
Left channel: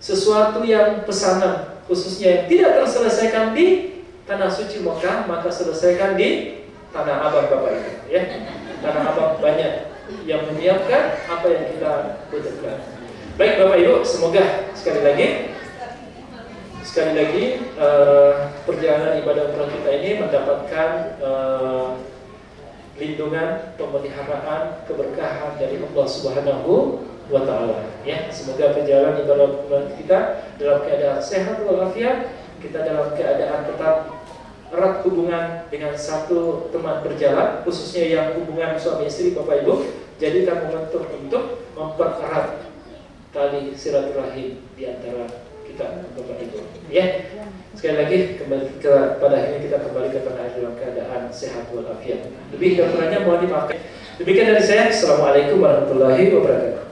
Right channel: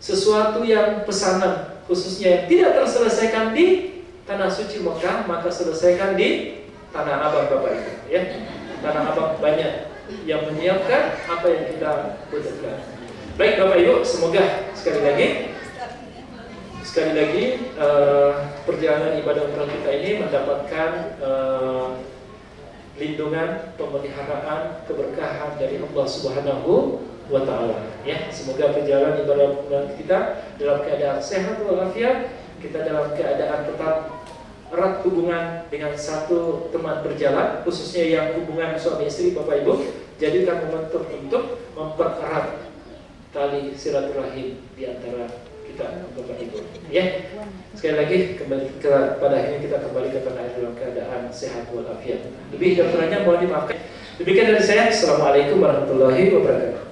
sesuatu yang pesanan khususnya yang tidak terselesaikan di tanah suci Mekah, maka selesaikan di Tanah Abang Bapak Ibu, ya. Tanah Abang banyak yang menyiapkan apa yang kita butuhkan. Baik Bapak Ibu, semoga sekali lagi perjalanan ibadah umrah kita ini mendapatkan lindungan, pemeliharaan, keberkahan dari Allah Subhanahu wa Ta'ala. Ya, semoga perjalanan ibadah umrah kita dalam keadaan sehat walafiat, kita dalam keadaan tetap erat hubungan dengan satu teman berjalan, khususnya yang hubungan suami istri Bapak Ibu, jadikan momentum untuk mempererat tali silaturahim di antara kita Bapak Ibu. Ya, sekali lagi pada akhirnya kita kembali ke tanah air dalam keadaan sehat walafiat. Lebih dan kurangnya mohon dimaafkan. Demikian dari saya. Assalamualaikum warahmatullahi wabarakatuh.